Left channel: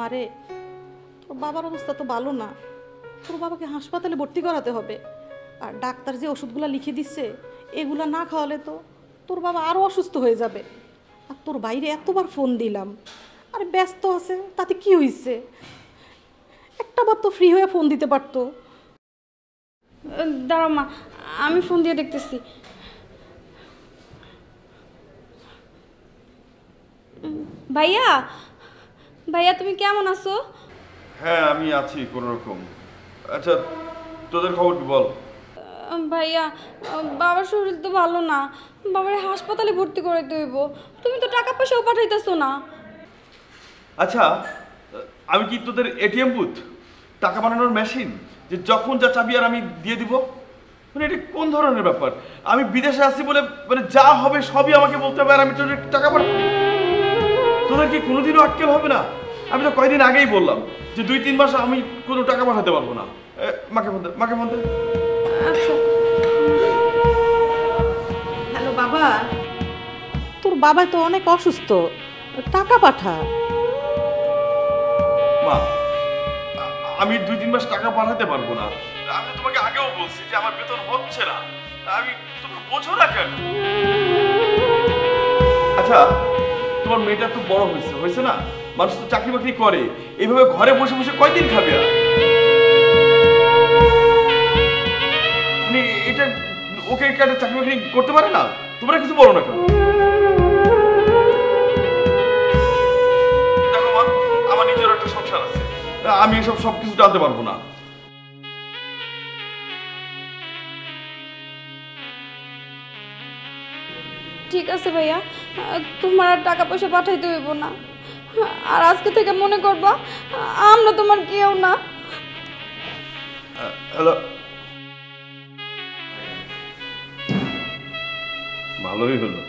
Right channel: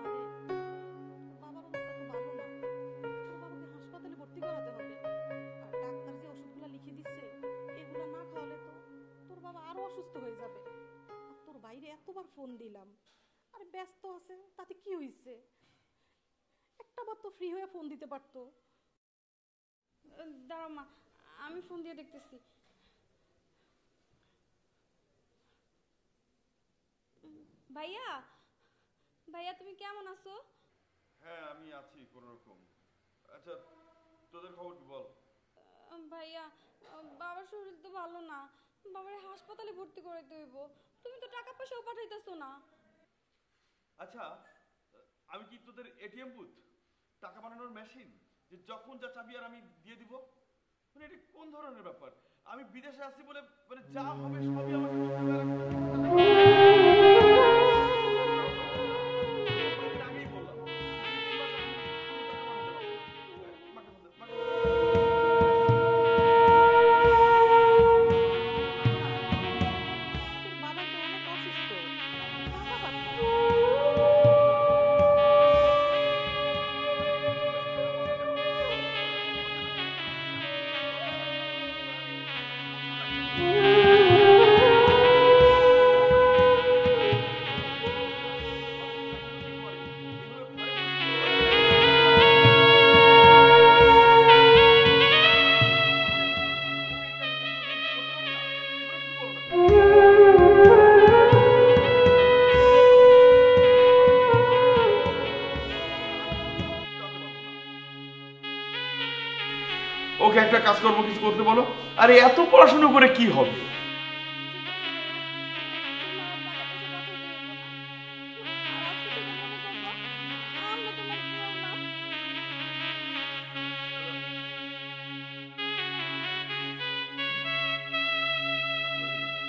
মারে, তোর বাবার অবস্থা তো ভালো না, তোর বাবাকে হাসপাতালে ভর্তি করাতে হবে। আর ডাক্তার যে ওষুধগুলো লিখে দিচ্ছে এগুলা না খাওয়ালে তো তোর বাবা আরও অসুস্থ হয়ে যাবে। আর তোর বাইরে এতবার ফোন দিলাম, আরে ব্যস্ত আছে, তাতে কি হয়েছে? একটাবার তো ফ্রি হয়ে ফোন দিতে পারতো। দাঁড়াও মা, আমি ফোন দিয়ে দেখতেছি। ভাইয়া, ভাইয়া তুমি কেমন আছো? হ্যাঁ আমি আছি কোনো রকম। আচ্ছা তোদের খবর কি বল? ভাইয়া, বাবার শরীর তো ভালো না, বাবার হাসপাতালে ভর্তি করে দেব। তুমি তো টাকা পয়সাও পাঠাইতেছো না। আচ্ছা আমি কি তোদের এটিএম বুথ, টাকা বানানোর মেশিন, যে যখন যা চাবি আর আমি দিয়ে দিব? মানে এটা কোন ধরনের ব্যাপার? আমি বিদেশে আছি বলে মানে যা হবে সবই আমাকে বলতে হবে আর আমি তোদের টাকা পাঠাবো? তোদের কি কোনোদিনও আটকেল হবে না? আমি তো কয়দিন আগেই বললাম যে 2-3 মাস আমি কোনো টাকা পাঠাতে পারবো না। মাকে বলতে আচ্ছা। হ্যালো বাবা, তোর বাবা তো অনেক অসুস্থ, টাকা পাঠা। মা আমি 2-3 মাস টাকা পাঠাতে পারবো না। আমি তোমাকে আগেও বলছি যে আমার বেতন হচ্ছে না, আমি তুমি বোঝো না কেন? আচ্ছা তোমার মেয়েটা তো বড় হয়েছে না, মানুষ তো চাকরি বাকরি করে, এইভাবে ঘরে বসে বসে কয়দিন খাবে? মানে এটা ওকে একটা চাকরি বাকরি করতে পারে না? তোমরা কিছু বলো না কেন? দেখো মা, আমার নিজের একটা সংসার আছে, আমি এসব সব কিছু জানতে পারবো না। ওকে একটা কাজ করবো, কিছু করতে বলো। আরে এত পড়াশোনা করে কি হবে? ঠিক আছে ভাইয়া, তোমার আর টাকা পয়সা পাঠাইতে হইব না। আর আজকে থেকে মনে করবা আমরা তোমার কেউ না। হ্যালো, ভালোই হলো,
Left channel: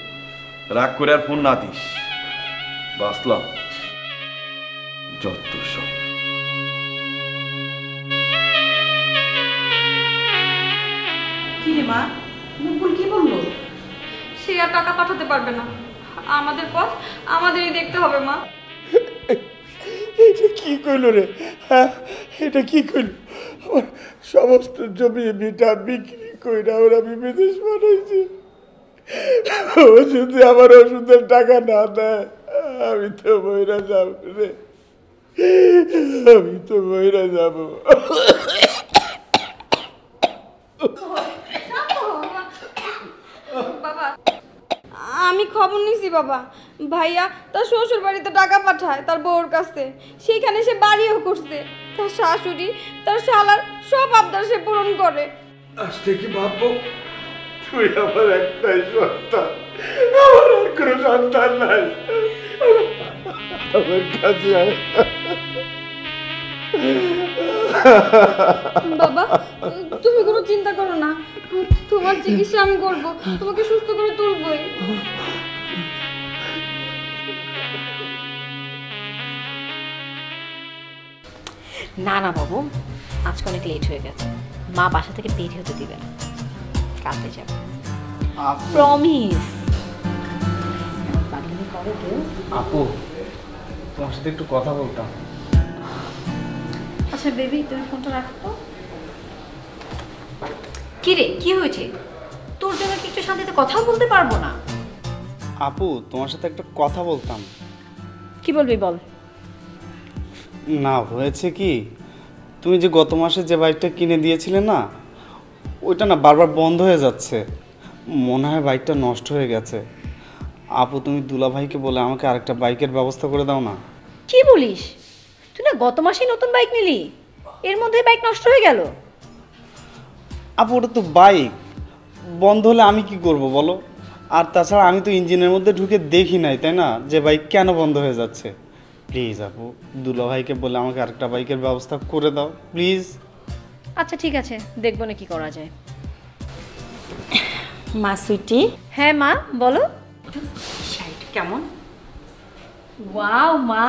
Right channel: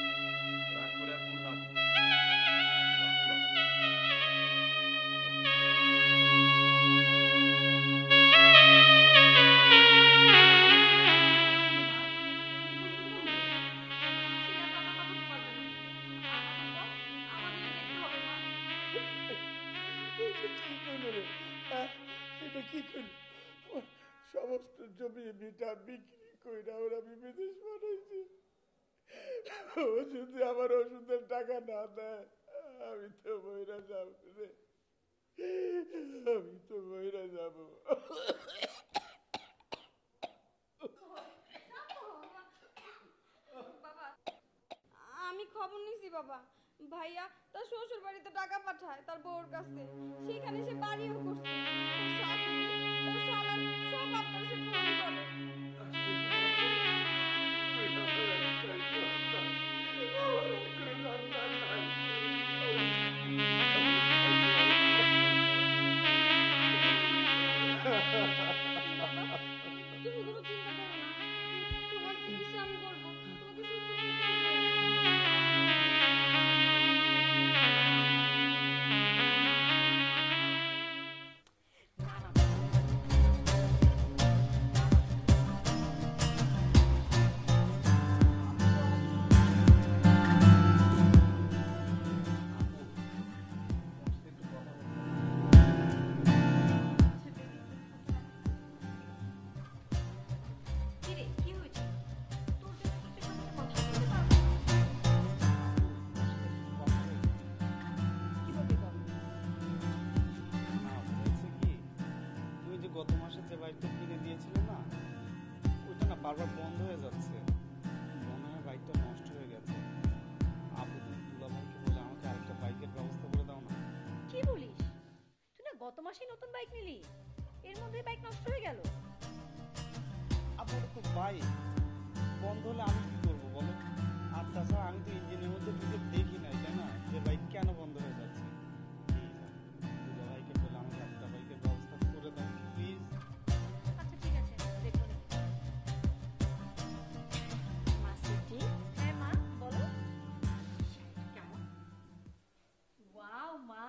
রাগ করে আর ফোন না দিস, বাসলাম যত সব। কি রে মা, মুকুল কি বললো? সে আর টাকা পাঠাতে পারবে না, আমাদের পথ আমাদেরই দেখতে হবে মা। এটা কি কইল রে? হ্যাঁ এটা কি কইল? আমার সমস্ত জমি ভিটা বিক্রি কইরা ওরা আমি বিদেশ পাঠাইছি। ও যদি আমার ওষুধের টাকা না দেয় আমি তো বইরা যাব রে, আমি তো বইরা যাব। বাবা, আমি খবর নিছি বাবা, ভাইয়া তার শ্বশুর বাড়িতে টাকা পাঠায় তার বউর কাছে, সেইখানে সে বাড়িও করছে। তার শাশুড়ি তার শালার সব আবদার সে পূরণ করে। আজ থেকে ভাববো তুই আমার একটাই সন্তান, আমার আর কোনো সন্তান নাই। আমার কাছে বাবা তুমি কোনো চিন্তা করো না, তোমার চিকিৎসা আমি করবো, তোমাকে সুস্থ করে তুলবই। না না বাবু, আজকে অনেক লেট হয়ে গেছে, মা বাসা থেকে বের হতে দিবে না, কালকে যাবে প্রমিস। আপু তোমার সাথে একটু কথা বলতাম। আচ্ছা বেবি তুমি ফোনটা রাখো। কি রে কি হয়েছে? তোর জন্য কি একটু শান্তিতে কথা বলতে পারবো না? আপু তোমার সাথে একটা কথা বলতাম। কি বলবি বল। না হয়েছে কি, তুমি যে গত মাসে যে বাইকটা কিনে দিয়েছিলে না, ওইটা না বারবার বন্ধ হয়ে যাচ্ছে, মনে হয় বাইকটা নষ্ট হয়ে গেছে। আপু তুমি দুলা ভাইকে বলে আমাকে আরেকটা বাইকের ব্যবস্থা করে দাও না। কি বলিস? তুই না গত মাসেই নতুন বাইক নিলি, এর মধ্যে বাইক নষ্ট হয়ে গেল? আপু ওটা তো বাইক, বন্ধ হলে আমি কি করব বলো? আর তাছাড়া আমি তো ইঞ্জিনের মধ্যে ঢুকে দেখি নাই, তাই না, যে বাইক কেন বন্ধ হয়ে যাচ্ছে। প্লিজ আপু দুলা ভাইকে বলে আমাকে আরেকটা বাইকের ব্যবস্থা করে দাও প্লিজ। আচ্ছা ঠিক আছে, দেখবো না কি করা যায়। মা সুইটি, হ্যাঁ মা বলো। শাড়িটা কেমন? ওয়াও মা,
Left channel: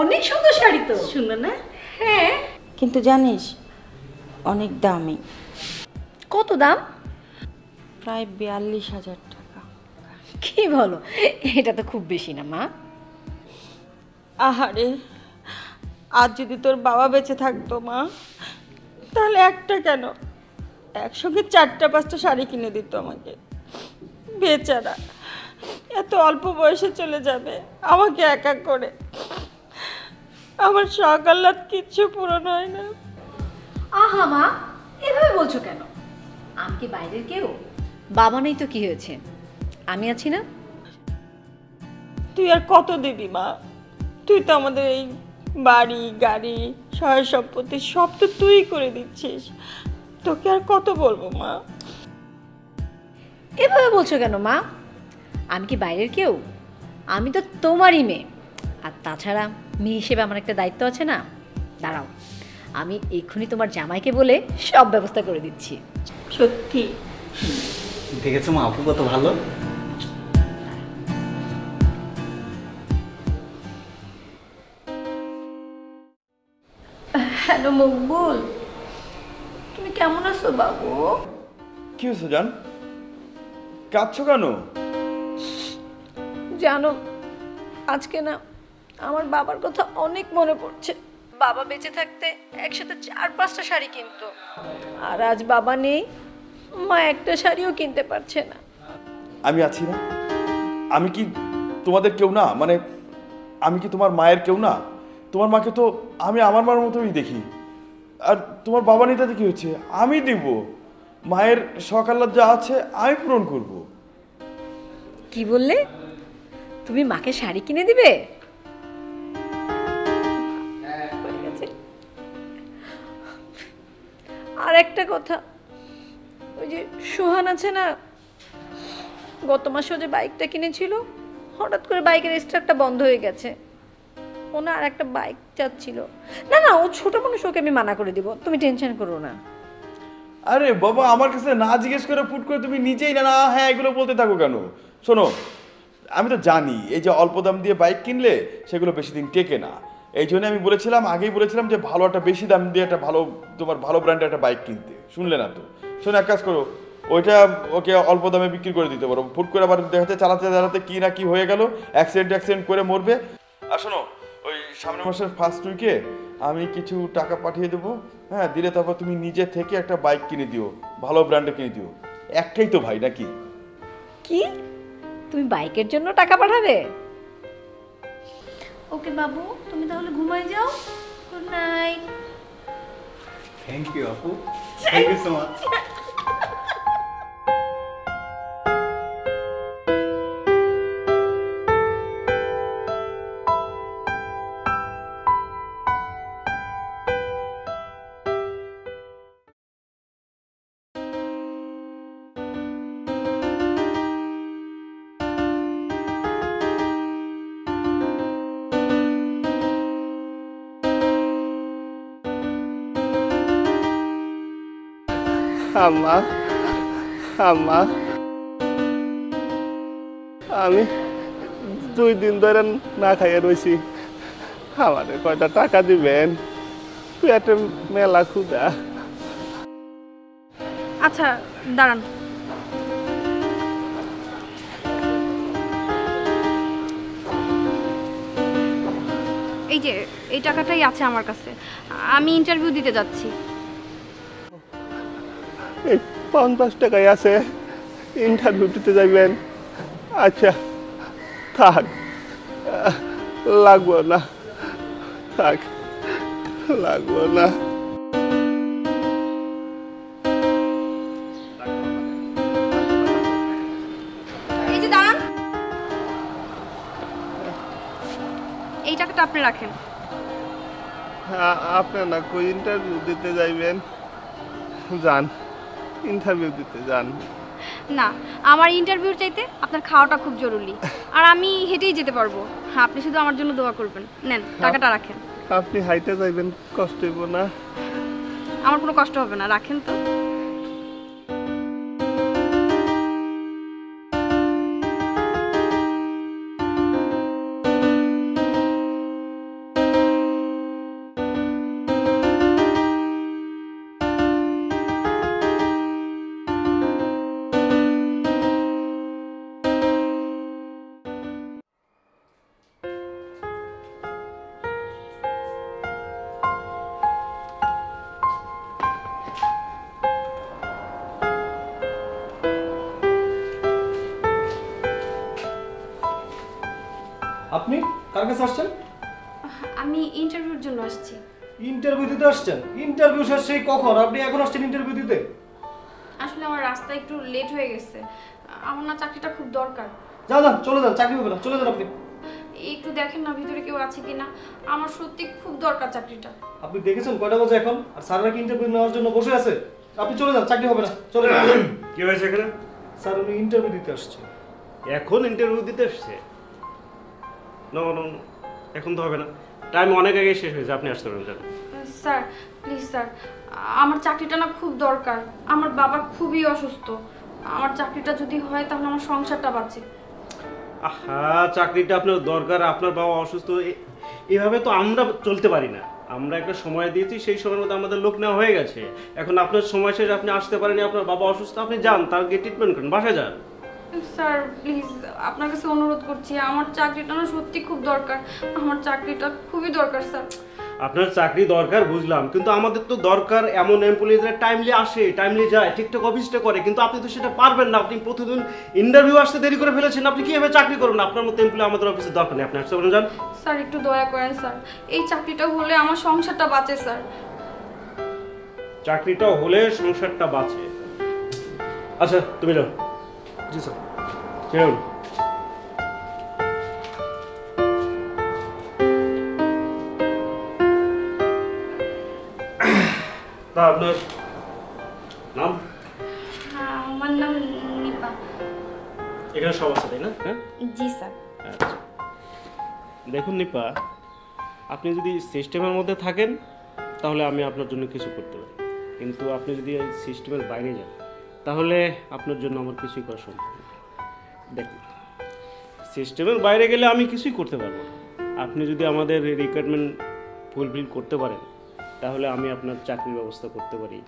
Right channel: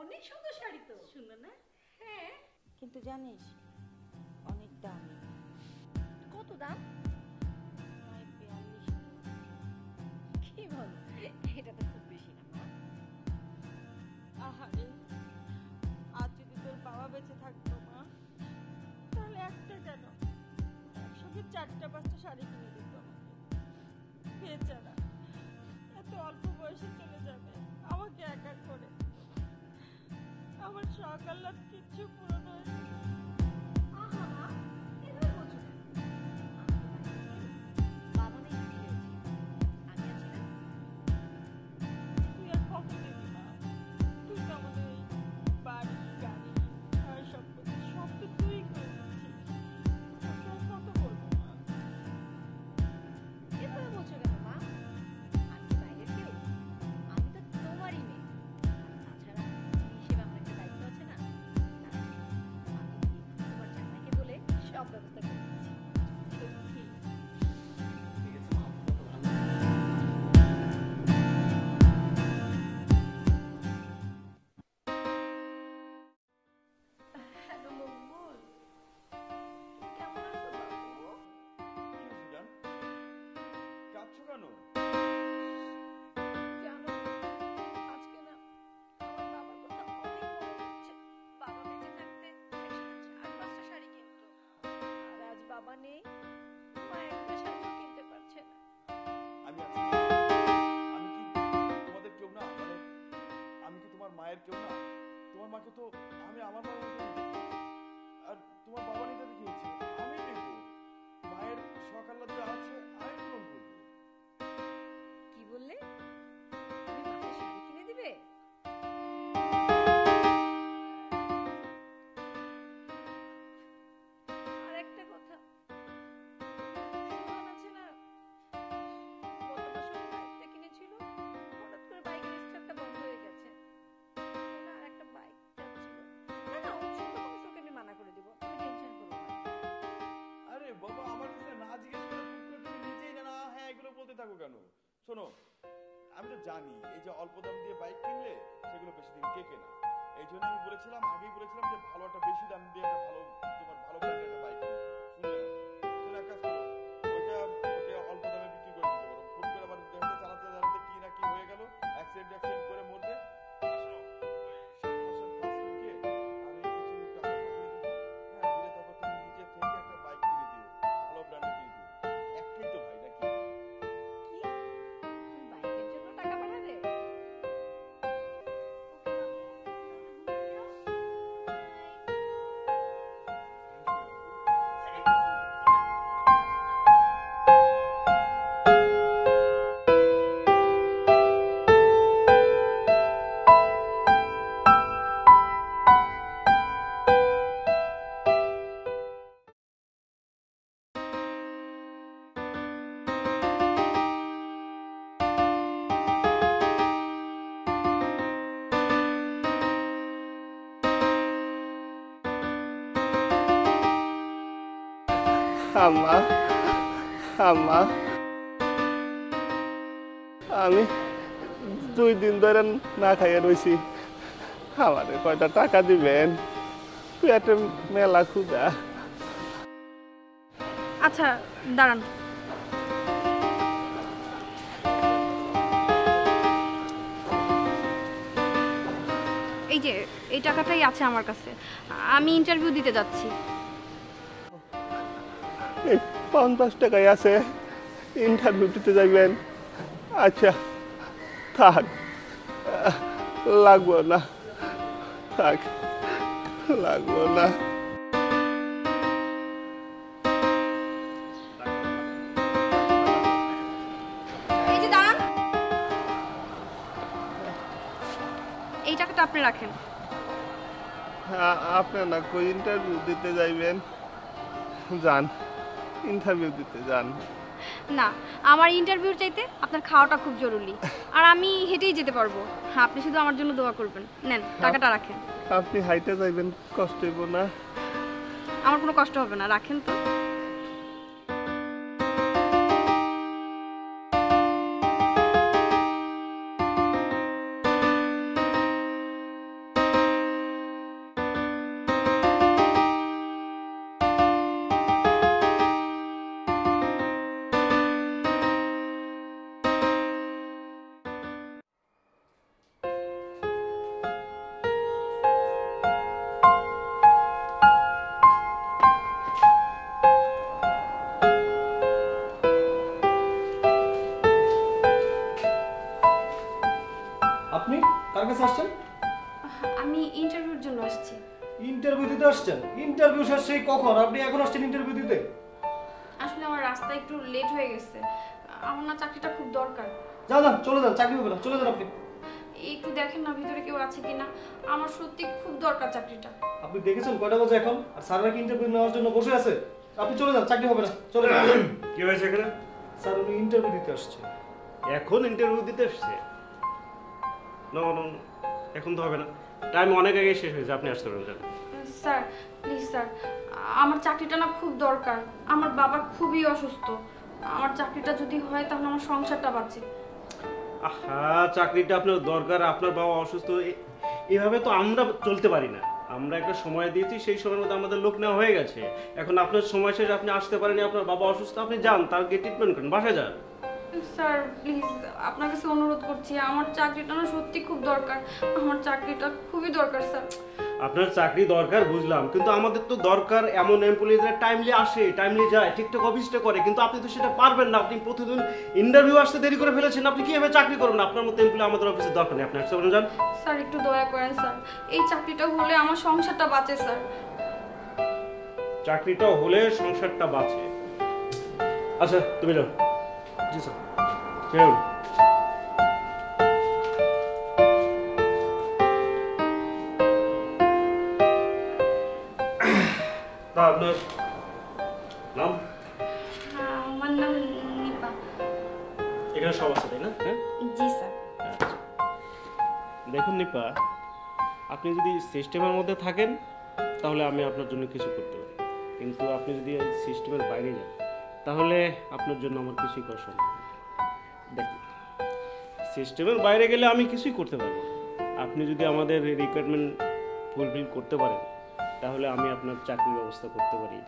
অনেক সুন্দর শাড়ি তো। সুন্দর না? হ্যাঁ। কিন্তু জানিস অনেক দামি। কত দাম? প্রায় 42,000 টাকা। কি বলো, এটা তো খুব বেশি না মা? আহারে আজ যদি তোর বাবা বেঁচে থাকতো মা, তাহলে একটা কেন একসঙ্গে 4টা-5টা শাড়ি কিনে দিত আমাকে। বেচারা এত অল্প বয়সে চলে যাবে আমাকে একা করে। আমার শখ আহ্লাদ কিচ্ছু পূরণ হয় না। আহা মা, এভাবে বলছো কেন? আমি কি বাইরের কেউ? বাবা নেই তো কি হয়েছে, আমি আছি না। তুই আর কত দিবি মা? তুই তো আমাদের এই বাড়ি গাড়ি সহায় সম্পত্তি সব তো তুই করে দিচ্ছিস। তোকে আর কত বলবো মা? এভাবে বলছো কেন মা? আমি কি বাইরের কেউ? আমি তো তোমারই মেয়ে। আর তাছাড়া মেয়ে হিসেবে আমার একটা দায়িত্ব আছে না। দাঁড়াও, আমি এক্ষুনি তোমার জামাইকে বলে সব ব্যবস্থা করে দিচ্ছি। সত্যি? দেখেছো মা আপু কত ভালো। হ্যালো মকবুল, তুমি কেমন আছো বাবু? কি হয়েছে জান, কাঁদছো কেন? জানো, আজকে না আমার বাবার কথা অনেক মনে পড়ছে। বাবা বেঁচে থাকতে একসাথে 4-5টা শাড়ি কিনতো, আর আজ বাবা নেই, মা একটা শাড়িও কিনতে পারছে না। আমি আছি না? আমি কি তোমাদের কেউ না? মানে আমি কি তোমার মায়ের কেউ না? তোমার মাকে তো আমি আমার মার মতোই দেখি। আর তোমার বাবা নেই তাতে কি হচ্ছে? আমি দিব। মায়ের শখ আহ্লাদ যা আছে আমি পূরণ করব। কি বললে? তুমি মাকে শাড়ি কিনে দিবে? আর একটা কথা, ওই যে সোহান আছে না, গত মাসে যে বাইকটা কিনেছিল, হঠাৎ করে বাইকের স্টার্টটা বন্ধ হয়ে গেছে। ও না আর একটা বাইক চাচ্ছিল। না না, ও ছোট মানুষ, ওকে আমি মানা করে দিব, তুমি টেনশন করো না। আরে বাবা, আমার কাছে না জিজ্ঞেস করে ফুট করে তুমি নিজেই না না হ্যাঁ এগুলো বলতে থাকো কেন? শোনো, আমি তো জানি এই যে অল্প দাম দিয়ে বাইক কিনলে সেগুলো বেশি দিন টেকে না। এই জন্য আমি বলেছিলাম, আগেই বলেছিলাম যে ভালো একটা বেশি দাম দিয়ে একটা ভালো, তোমার ভালো ব্র্যান্ডের একটা বাইক কিনতে। শুনলে না তো? শোনো, এক কাজ করো, ওইটা ওকে অল্প দামে বিক্রি করে দিতে পারো। ফুট করে আবার দেখাতে চালাতে চালাতে কি না কি হয়ে গেল, অ্যাক্সিডেন্ট করে মরবে। আর শোনো, ওই সামনের মাসের ফার্স্ট উইকে আমি কিছু টাকা পাঠিয়ে দেবো, হ্যাঁ, দিলে তারপর তুমি নিজে থেকে একটা বাইক কিনে দিও, ভালো ব্র্যান্ডে কিনে দিও। একটাই তো ভাই, নাকি? কি, তুমি বাইকের জন্য টাকা পাঠাবে? ওকে বাবু, তুমি তাহলে ঘুমায় যাও। Good night. থ্যাংক ইউ আপু, থ্যাংক ইউ সো মাচ। আম্মা, আম্মা, আমি 2 দিন ধরে না খাইয়ে রয়েছি, আমারে কয়টা টাকা দিবেন? পেটে মেলা ক্ষুধা। আচ্ছা দাঁড়ান, এই যে এই টাকাটাই আছে আমার কাছে, আমি ইন্টারভিউ দিতে যাচ্ছি। এই 50 টাকাই আছে, ইন্টারভিউ দিতে যাইবেন? আচ্ছা থাক, লাগবো না, থাক, লাগবো না। এই যে দাঁড়ান, এই টাকাটা আপনি রাখেন। আপনি না কই ইন্টারভিউ দিতে যাইবেন? যান, ইন্টারভিউ দিতে যান। না, আমার ইন্টারভিউ চাইতে আপনার খাওয়াটা খুব জরুরি, আর আমি হেঁটেই যেতে পারবো। হ্যাঁ, আপনি শুধু আমার জন্য দোয়া করবেন। নেন, টাকাটা রাখেন। আপনি হাইটে যাইবেন, কষ্ট হইব না? আমার কোনো কষ্ট হবে না, রাখেন তো। কাছে আসছেন? আমি ইন্টারভিউর জন্য আসছি। ইন্টারভিউ দিতে আসছেন? ইন্টারভিউ শেষ সেই কখন? আপনি এখন আসছেন ইন্টারভিউ দিতে? আসলে আমার রাস্তা একটু লেট হয়ে গেছে, আমার না চাকরিটা খুব দরকার। যান যান, চলে যান, চাকরি হবে না, চলে যান আপনি। একটু দেখেন না ভিতরে কেউ আছে কিনা, আমার সত্যি খুব দরকার চাকরিটা। আপনি দেখেছেন কয়টা বাজে এখন? আর স্যাররা কি ইন্টারভিউ নেওয়ার জন্য বসে আছে? আপনি চলে যান, চাকরি হবে না, চলে যান। কি হয়েছে এখানে? স্যার উনি ইন্টারভিউ দিতে আসছে। এখন ইন্টারভিউ দিতে এসছে? নো নো নো, এখন তো হবে না, টাইম অনেক আগে শেষ হয়েছে, আপনি আসতে পারেন। স্যার প্লিজ স্যার, আমার চাকরিটা না খুব দরকার, আমার বাবা খুবই অসুস্থ, আমার চাকরিটা যদি হয় তাহলে আমার সংসারটা বাঁচে। আহা, চাকরিটা আপনার দরকার, আপনার বাবা অসুস্থ, এভাবে তো আমরা চলতে পারি না। আমরা একটা সময় দিয়েছি, সেই সময়ের মধ্যে আমাদের লোক নেওয়া হয়ে গেছে। এখন আপনার সময় শেষ, আপনি আসতে পারেনি, আপনার বাবা অসুস্থ, আপনি যান, তার গিয়ে ট্রিটমেন্ট করেন, বাসায় যান। স্যার প্লিজ আপনার কাছে অনুরোধ করছি, আমার চাকরিটা না সত্যি খুব দরকার, আমার চাকরিটা খুবই দরকার স্যার। আপনার চাকরি দরকার বুঝলাম, কিন্তু আমাদের তো দরকার এমন এমপ্লয়িজরা টাইমলি আসে, টাইমলি যায়, ঠিকঠাক অফিসটা করে, কিন্তু আপনি তো সেটা পারবেন না। আপনি প্রতিদিন ইন্টারভিউ আসতে দেরি করে ফেলেছেন, আপনি কিভাবে চাকরি করবেন? আপনার মতো এমপ্লয়ি আমাদের অফিসে দরকার নেই, আপনি আসতে পারেন, যান। স্যার একটু দয়া করেন স্যার, এই চাকরিটা হলে আমার সংসারটা বাঁচে স্যার। চাকরিটা হলে সংসারটা বাঁচে? আচ্ছা তুমি যাও। জি স্যার। চলুন। তা আপনার নাম? আমার নাম নিপা। এখানে সব আছে তাই না? হ্যাঁ জি স্যার। আচ্ছা, দেখুন নিপা, আপনি যদি সিস্টেমের মধ্যে থাকেন তাহলে আমি আপনার জন্য কিছু করতে পারি, কিন্তু আপনি যদি এই সিস্টেমের বাইরে যান তাহলে আপনার জন্য আমার কিছুই করা সম্ভব না। দেখুন, সিস্টেমের বাইরে গেলে আমি কিছুই করতে পারবো না। আপনি যদি আমাদের রিকোয়ারমেন্ট ফুলফিল করতে পারেন তাহলে আমি আপনার চাকরির ব্যবস্থা করতে পারি।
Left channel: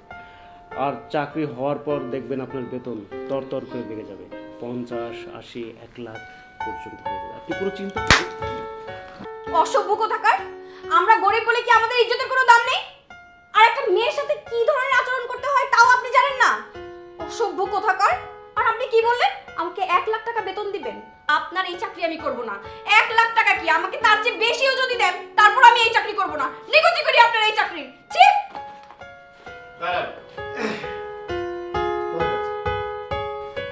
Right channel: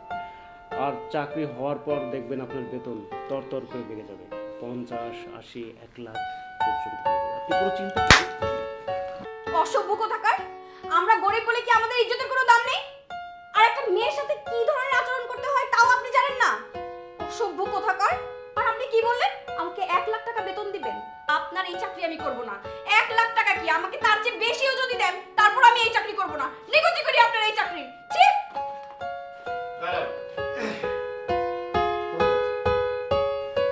আর চাকরি হওয়ার পর দেখবেন আপনার বেতন তর করে বেড়ে যাবে, 50, 80, 1 লাখ পর্যন্ত হয়ে যাবে। আপনি কোনো চিন্তা করবেন না। অসভ্য কোথাকার, আমরা গরিব বলে কি আমাদের ইজ্জতের কোনো দাম নেই? আর একটা মেয়ের সাথে কি ধরনের আচরণ করতে হয় তাও আপনি জানেন না? অসভ্য কোথাকার। আর আপনি কি বললেন আমাকে 1 লাখ টাকা বেতন দিবেন? আপনার এই চাকরি আমি করব না। 1 লাখ টাকা কি, আমাকে তার চেয়ে বেশিও যদি দেন তারপর আমি এই চাকরি করব না। নিকুচি করি আপনার এই চাকরি। ছি!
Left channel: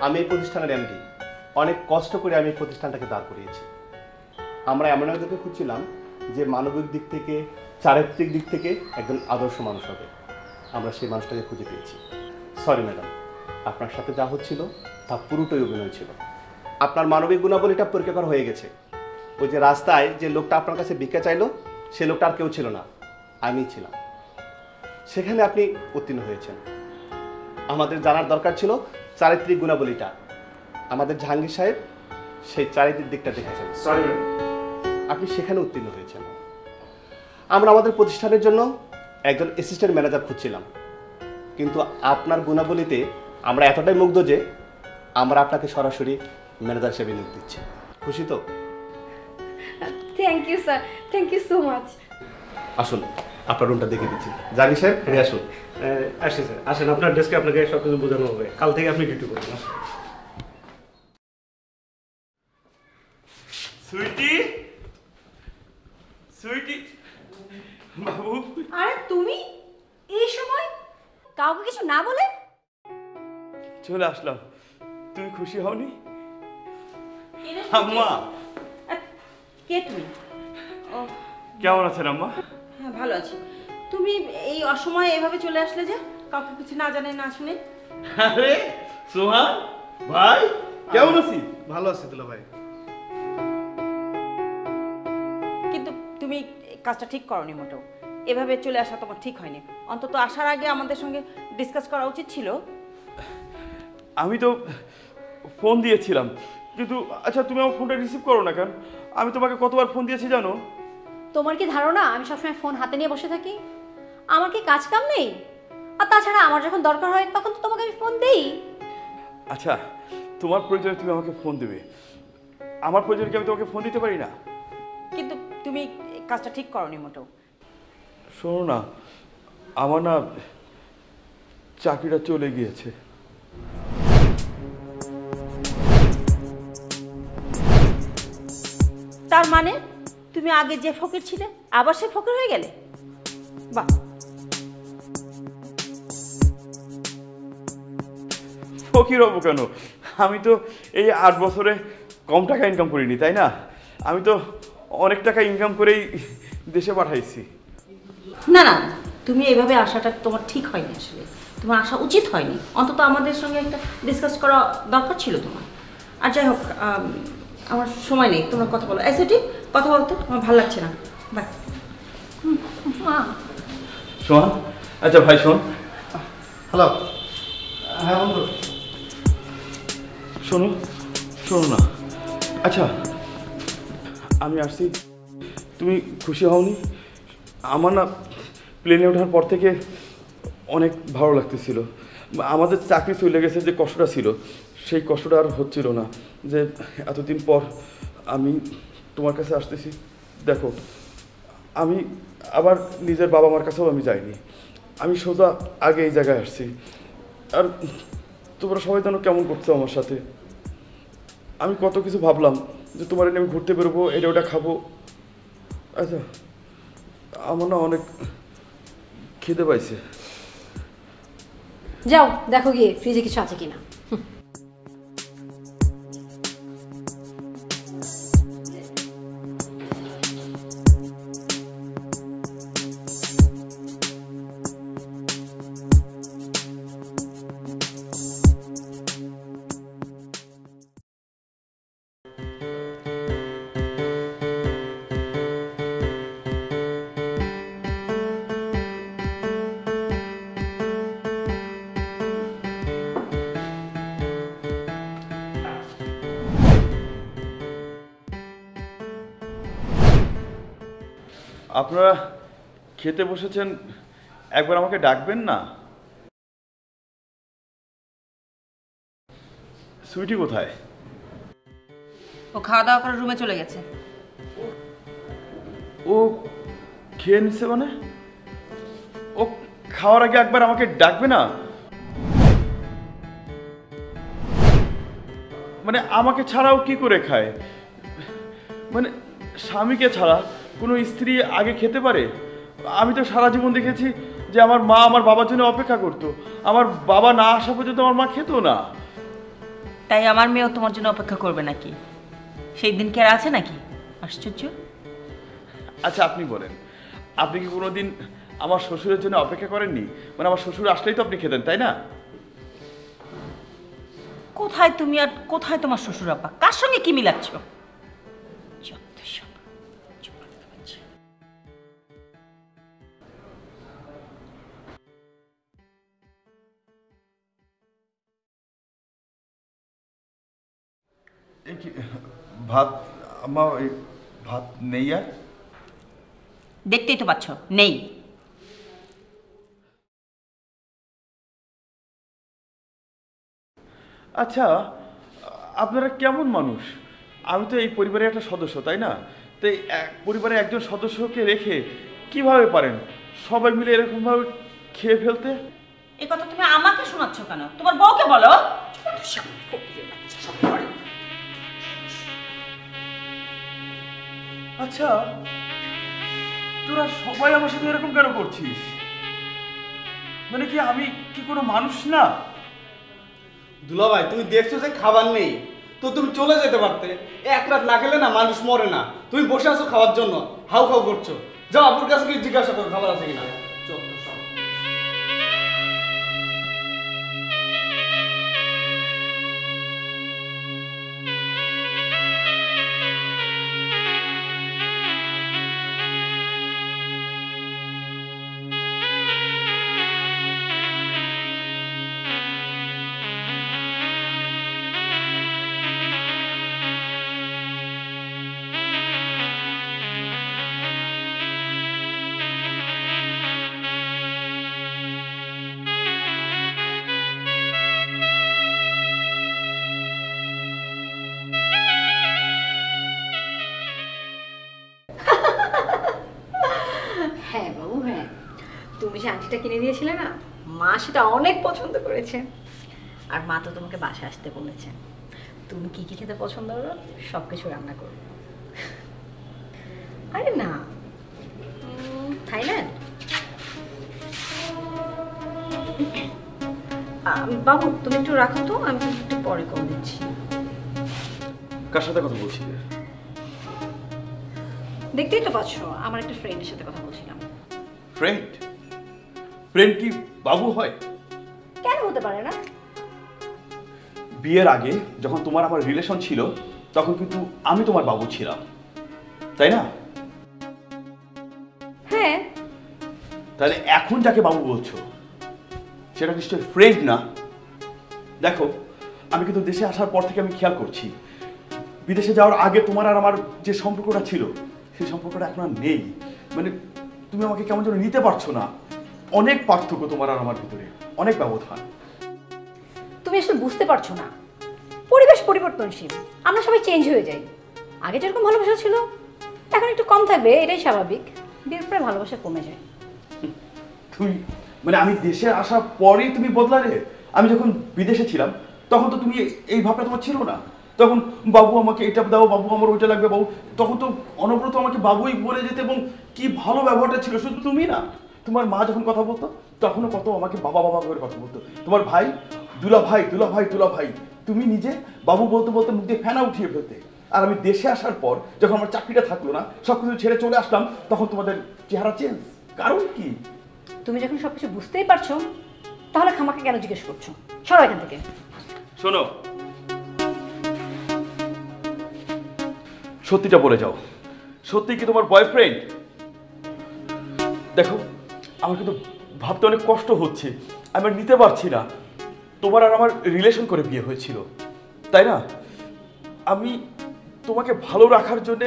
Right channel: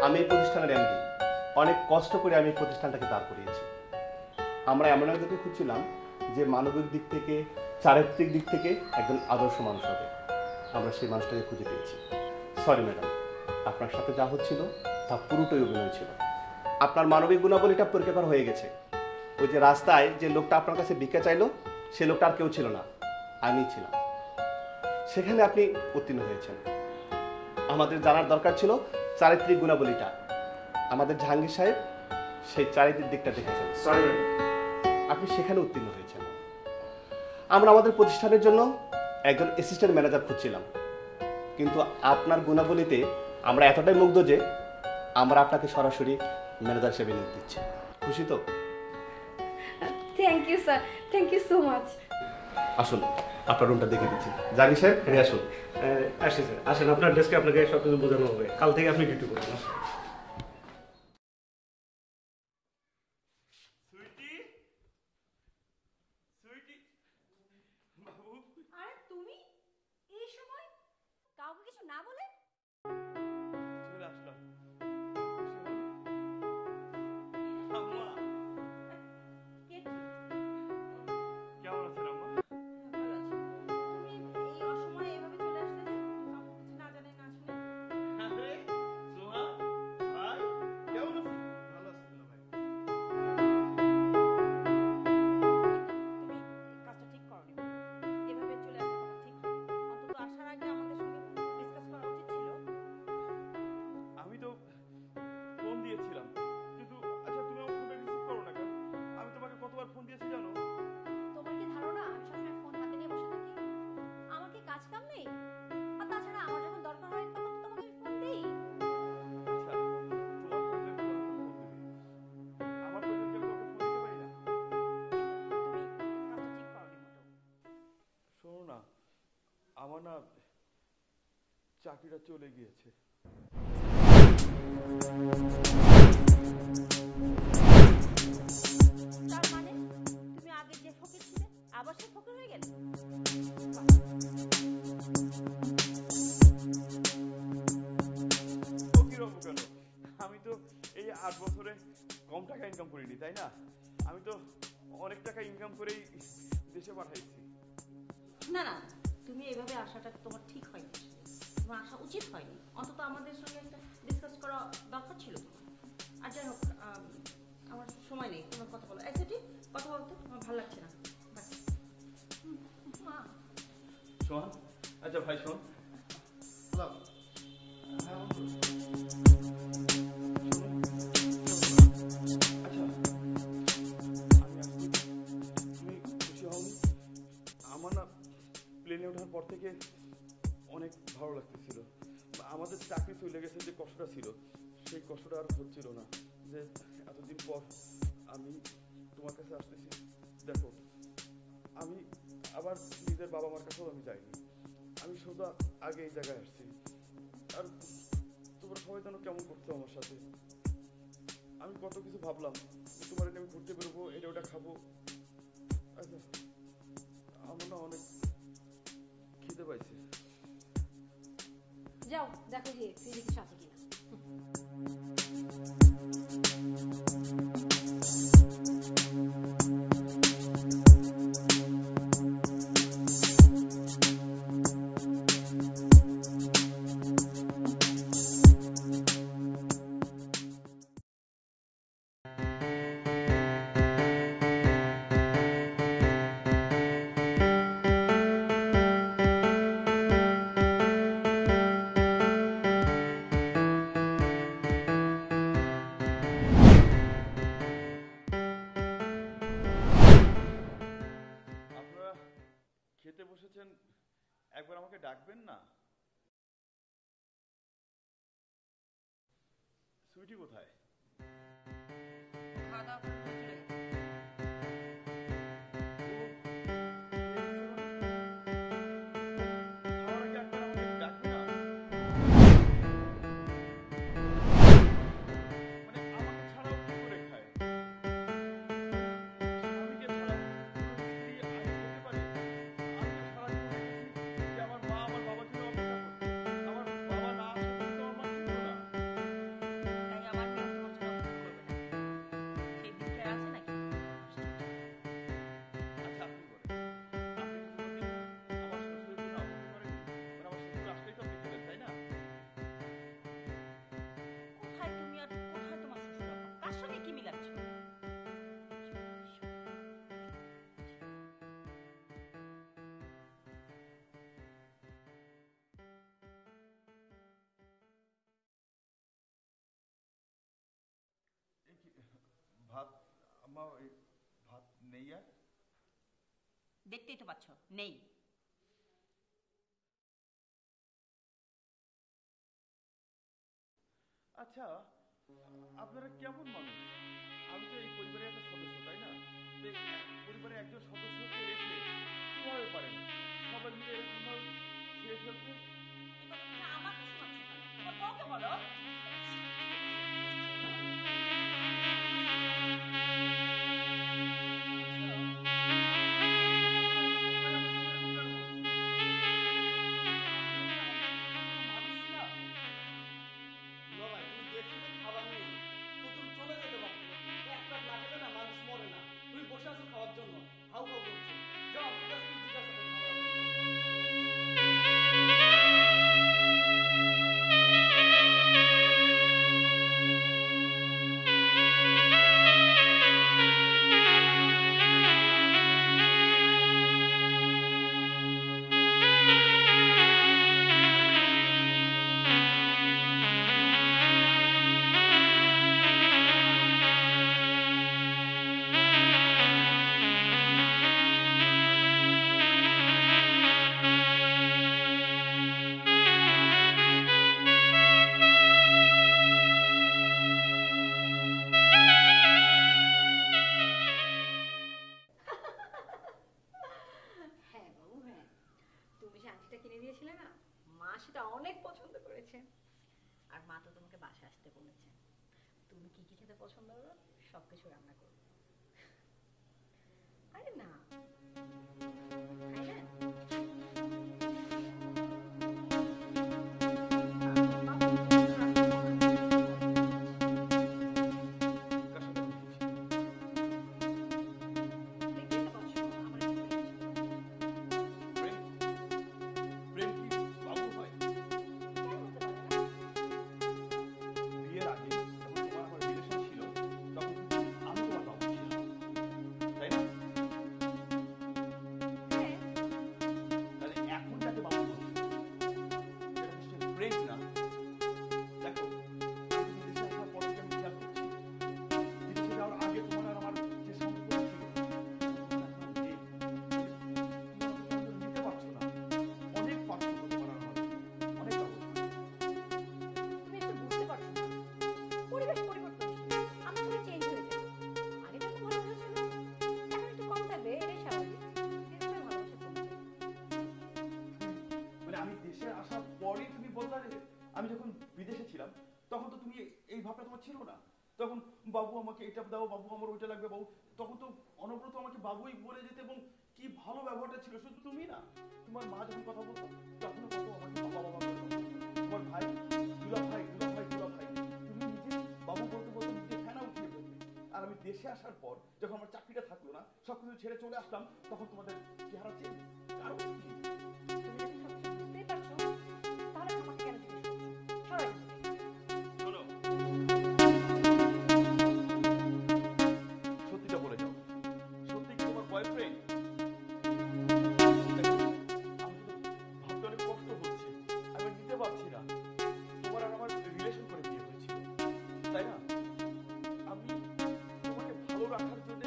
আমি এই প্রতিষ্ঠানের এমডি, অনেক কষ্ট করে আমি এই প্রতিষ্ঠানটাকে দাঁড় করিয়েছি। আমরা এমন একজনকে খুঁজছিলাম যে মানবিক দিক থেকে, চারিত্রিক দিক থেকে একজন আদর্শ মানুষ হবে। আমরা সেই মানুষটাকে খুঁজে পেয়েছি। সরি ম্যাডাম, আপনার সাথে যা হচ্ছিল তা পুরোটাই অভিনয় ছিল। আপনার মানবিক গুণাবলীটা পরীক্ষা হয়ে গেছে। ওই যে রাস্তায় যে লোকটা আপনার কাছে ভিক্ষা চাইলো, সে লোকটা আর কেউ ছিল না, আমিই ছিলাম। সেখানে আপনি উত্তীর্ণ হয়েছেন। আমাদের জানার দরকার ছিল চারিত্রিক গুণাবলীটা। আমাদের জাহাঙ্গীর সাহেব সেই চারিত্রিক দিকটা দেখেছেন, আপনি সেখানে উত্তীর্ণ হয়েছেন। আমরা আমাদের প্রতিষ্ঠানের জন্য একজন অ্যাসিস্ট্যান্ট ম্যানেজার খুঁজছিলাম, কিন্তু আপনার গুণাবলীতে আমরা এতটাই মুগ্ধ যে আমরা আপনাকে সরাসরি ম্যানেজার হিসেবে নিয়োগ দিচ্ছি। খুশি তো? Thank you sir, thank you so much. আসুন, আপনার রুমটা দেখে দিচ্ছি। জাহাঙ্গীর সাহেব, ফিরে আসুন। আসেন স্যার, আসেন, আপনার ডেস্কে আপনাকে সব কিছু বোঝানো হবে। কাল থেকে আপনি ডিউটি করবেন। সুইটি, সুইটি বাবু। আরে তুমি এই সময় কাউকে কিছু না বলে চলে আসলাম। তুমি খুশি হওনি? আম্মা, কে তুমি? কেমন আছেন আম্মা? হ্যাঁ ভালো আছি। তুমি এই অসময়ে এভাবে চলে আসলে যে, কাউকে কিছু না জানে না শুনে? আরে সোহান ভাই, কেমন আছিস? ভালো আছি দুলা ভাই। কিন্তু তুমি কাজটা ঠিক করনি মোটেও। এভাবে চলে আসা তোমার ঠিক হয়নি। অন্তত আসার আগে আমাদের সঙ্গে ডিসকাস করা উচিত ছিল। আমি তো ফোন দিয়েছিলাম, কিন্তু আচ্ছা তুমি আমার ফোনটা রিসিভ করো না কেন? আমি তোমাকে কতবার ফোন দিয়েছি জানো? তোমার কি ধারণা আমি সবসময় ফোন হাতে নিয়ে বসে থাকি? আমার কি কাজ কাম নেই? আর তাছাড়া আমার যখন দরকার হয় তখন তো তোমাকে আমি ফোন দেই। আচ্ছা, তোমার প্রয়োজনে তুমি আমাকে ফোন দেবে, আমার প্রয়োজনে কি আমি তোমাকে ফোন দিতে পারি না? কিন্তু তুমি কাজটা ঠিক করনি মোটেও। শোনো না, আমার না চাকরিটা চলে গিয়েছে। তার মানে তুমি তুমি আগে যে ফকির ছিলে আবার সে ফকির হয়ে গেলে? বাহ, ফকির হবো কেন? আমি তো এই 8 বছরে কম টাকা ইনকাম করিনি, তাই না? আমি তো অনেক টাকা ইনকাম করেই দেশে পাঠাইছি। না না, তুমি এইভাবে আসাটা তোমার ঠিক হয়নি, আসলে তোমার আসা উচিত হয়নি। অন্তত আমাদের সঙ্গে একটা ডিসকাস করা দরকার ছিল তোমার। আর যাই হোক, আমার সময় নেই, তোমরা কথা বলো। এসে ঠিক কথা বলতো, আমার ভালো লাগছে না। বাই। শোন, আচ্ছা ভাই শোন। হ্যালো। হ্যাঁ বন্ধু। শোনো শোনো না, আচ্ছা আমি আসছি, তুমি খুশি হওনি? আমার না প্লেনে ওঠার পর থেকে অনেক ভালো লাগতেছিল। আমাদের চাকরি চলে গেছে, যে কষ্টটা ছিল সেই কষ্টটা আর হচ্ছিল না। যে এতদিন পর আমি তোমার কাছে আসতেছি, দেখো আমি আবার নিজের বাবা মার কাছেও আমি যাইনি, আমি সোজা আগে এই জায়গায় আসছি। আর তোমরা সবাই যেন কেমন করছো আমার সাথে। আমি কত কিছু ভাবলাম যে তোমার এনে আমি ঘুরতে বেরোবো, এটা ওটা খাবো। আচ্ছা আমার না অনেক খিদে পাইছে। যাও দেখো গিয়ে ফ্রিজে কিছু আছে কিনা। আপনারা খেতে বসেছেন, একবার আমাকে ডাকবেন না? সুইটি কোথায়? ও খাওয়া দাওয়া করে রুমে চলে গেছে। ও খেয়ে নিছে মানে? ও খাওয়ার আগে একবার আমাকে ডাকবে না? মানে আমাকে ছাড়াও কি করে খায়? মানে স্বামীকে ছাড়া কোনো স্ত্রী আগে খেতে পারে? আমি তো সারা জীবন দেখেছি যে আমার মা আমার বাবার জন্য অপেক্ষা করতো, আমার বাবা না আসা পর্যন্ত আমার মা খেতো না। তাই আমার মেয়েও তোমার জন্য অপেক্ষা করবে নাকি? সেই দিন কি আর আছে নাকি? আশ্চর্য। আচ্ছা আপনি বলেন, আপনি কি কোনোদিন আমার শ্বশুরের জন্য অপেক্ষা করেননি? মানে আমার শ্বশুর আসলেই তো আপনি খেতেন, তাই না? কোথায় তুমি আর কোথায় তোমার শ্বশুর আব্বা? কার সঙ্গে কি মিলাচ্ছ? ভাত আমার ভাত নেই আর? দেখতেই তো পাচ্ছ নেই। আচ্ছা আপনারা কেমন মানুষ? আমি তো এই পরিবারের একটা সদস্য, তাই না? তো এই পরিবারের একজন সদস্যকে রেখে কিভাবে পারেন সবাই মিলে এরকমভাবে খেয়ে ফেলতে? এই কথা তুমি আমাকে শোনাচ্ছ কেন? তোমার বউকে বলো। আচ্ছা তোরা সবাই আমার সাথে এরকম কেন করছিস? মানে কি আমি কি কোনো মানুষ না? দুলাভাই তুমি দেখছো যে খাবার নেই, তো তুমি চলে যেতে পারতে। এক রাত না খেলে না মানুষ মরে না। তুমি বসে আছো খাওয়ার জন্য, হাউ খাউ করছো। যাও আপুর কাছে গিয়ে জিজ্ঞাসা করো খাবার আছে কিনা। হ্যাঁ বাবু, হ্যাঁ তুমি যে আংটিটা কিনে দিয়েছিলে না, মা সেটা অনেক পছন্দ করেছে। আর মা তো তোমাকে বাসায় আসতে বলেছে। তুমি কি কি খেতে পছন্দ করো সব কিছু রান্না করো। আরে না, থাইল্যান্ড। বাবু তুমি একটু রাখো তো, আমি একটু পরে কল দিচ্ছি। কার সাথে কথা বলছি? দেখতেই তো পাচ্ছ, আমার একটা ফ্রেন্ডের সাথে কথা বলছিলাম। ফ্রেন্ড? ফ্রেন্ড কি বাবু হয়? কেন হতে পারে না? বিয়ের আগে যখন তোমার আমার রিলেশন ছিল তখন কিন্তু আমি তোমার বাবু ছিলাম, তাই না? হ্যাঁ। তাহলে এখন যাকে বাবু বলছো সেটা নিশ্চয়ই ফ্রেন্ড না। দেখো, আমি কিন্তু দেশে আসার পর থেকে আমি খেয়াল করছি, বিদেশে যাওয়ার আগে তোমার আর আমার যে সম্পর্কটা ছিল সেই সম্পর্কটা এখন আর নেই। মানে তুমি আমাকে কেমন যেন নিতে পারছো না। অনেক পার্থক্য তোমার আর আমার ভিতরে, অনেক ব্যবধান। তুমি আসলে বুঝতে পারছো না, পরিবেশ পরিবর্তনশীল, আমরা সবাই চেঞ্জ হয়ে যাই। আগে যেরকম ভালোবাসা ছিল এখন একটু কম থাকবে, এটাই স্বাভাবিক। বিয়ের পরে ভালোবাসা কমে যায়। তুমি মানে আমি দেশে আসার পরেই তুমি বদলালে? আমি যখন বিদেশে ছিলাম তখন তো তুমি এই ভাবটা তোমার ছিল না। তখন বাবু আমাকে এটা দাও, বাবু আমার ওইটা লাগবে, বাবু। তখন তো অনবরত আমাকে বাবুই বলে যেতে, এবং কি ভালো ব্যবহারটা ছিল। শুধু তুমি না, তোমার মা যখন কথা বলতো তখনও কত আমাকে বাবা বাবা করে কথা বলতো। তোমার ভাই দুলা ভাই দুলা ভাই দুলা ভাই, তুমি নিজে বাবু বলতে বলতে মুখ দিয়ে ফেনা উঠিয়ে ফেলতে। আর আমি দেশে আসার পর যখন আমার চাকরিটা থাকলো না, সবকিছু ছেড়ে চলে আসলাম, তখন তোমাদের চেহারা চেঞ্জ। কারণ কি? তুমি যখন সবকিছু বুঝতেই পারছো তাহলে খামাকে কেন জিজ্ঞেস করছো? সরো এখান থেকে। শোনো, সত্যিটা বলে যাও, সত্যি কি তোমার বয়ফ্রেন্ড? দেখো, আমার কিন্তু ভাবতে অনেক কষ্ট হচ্ছে, আমি আর নিতে পারছি না। তোমার আর আমার রিলেশন করে বিয়ে হয়েছিল, তাই না? আমি তোমাকে ভালো রাখার জন্য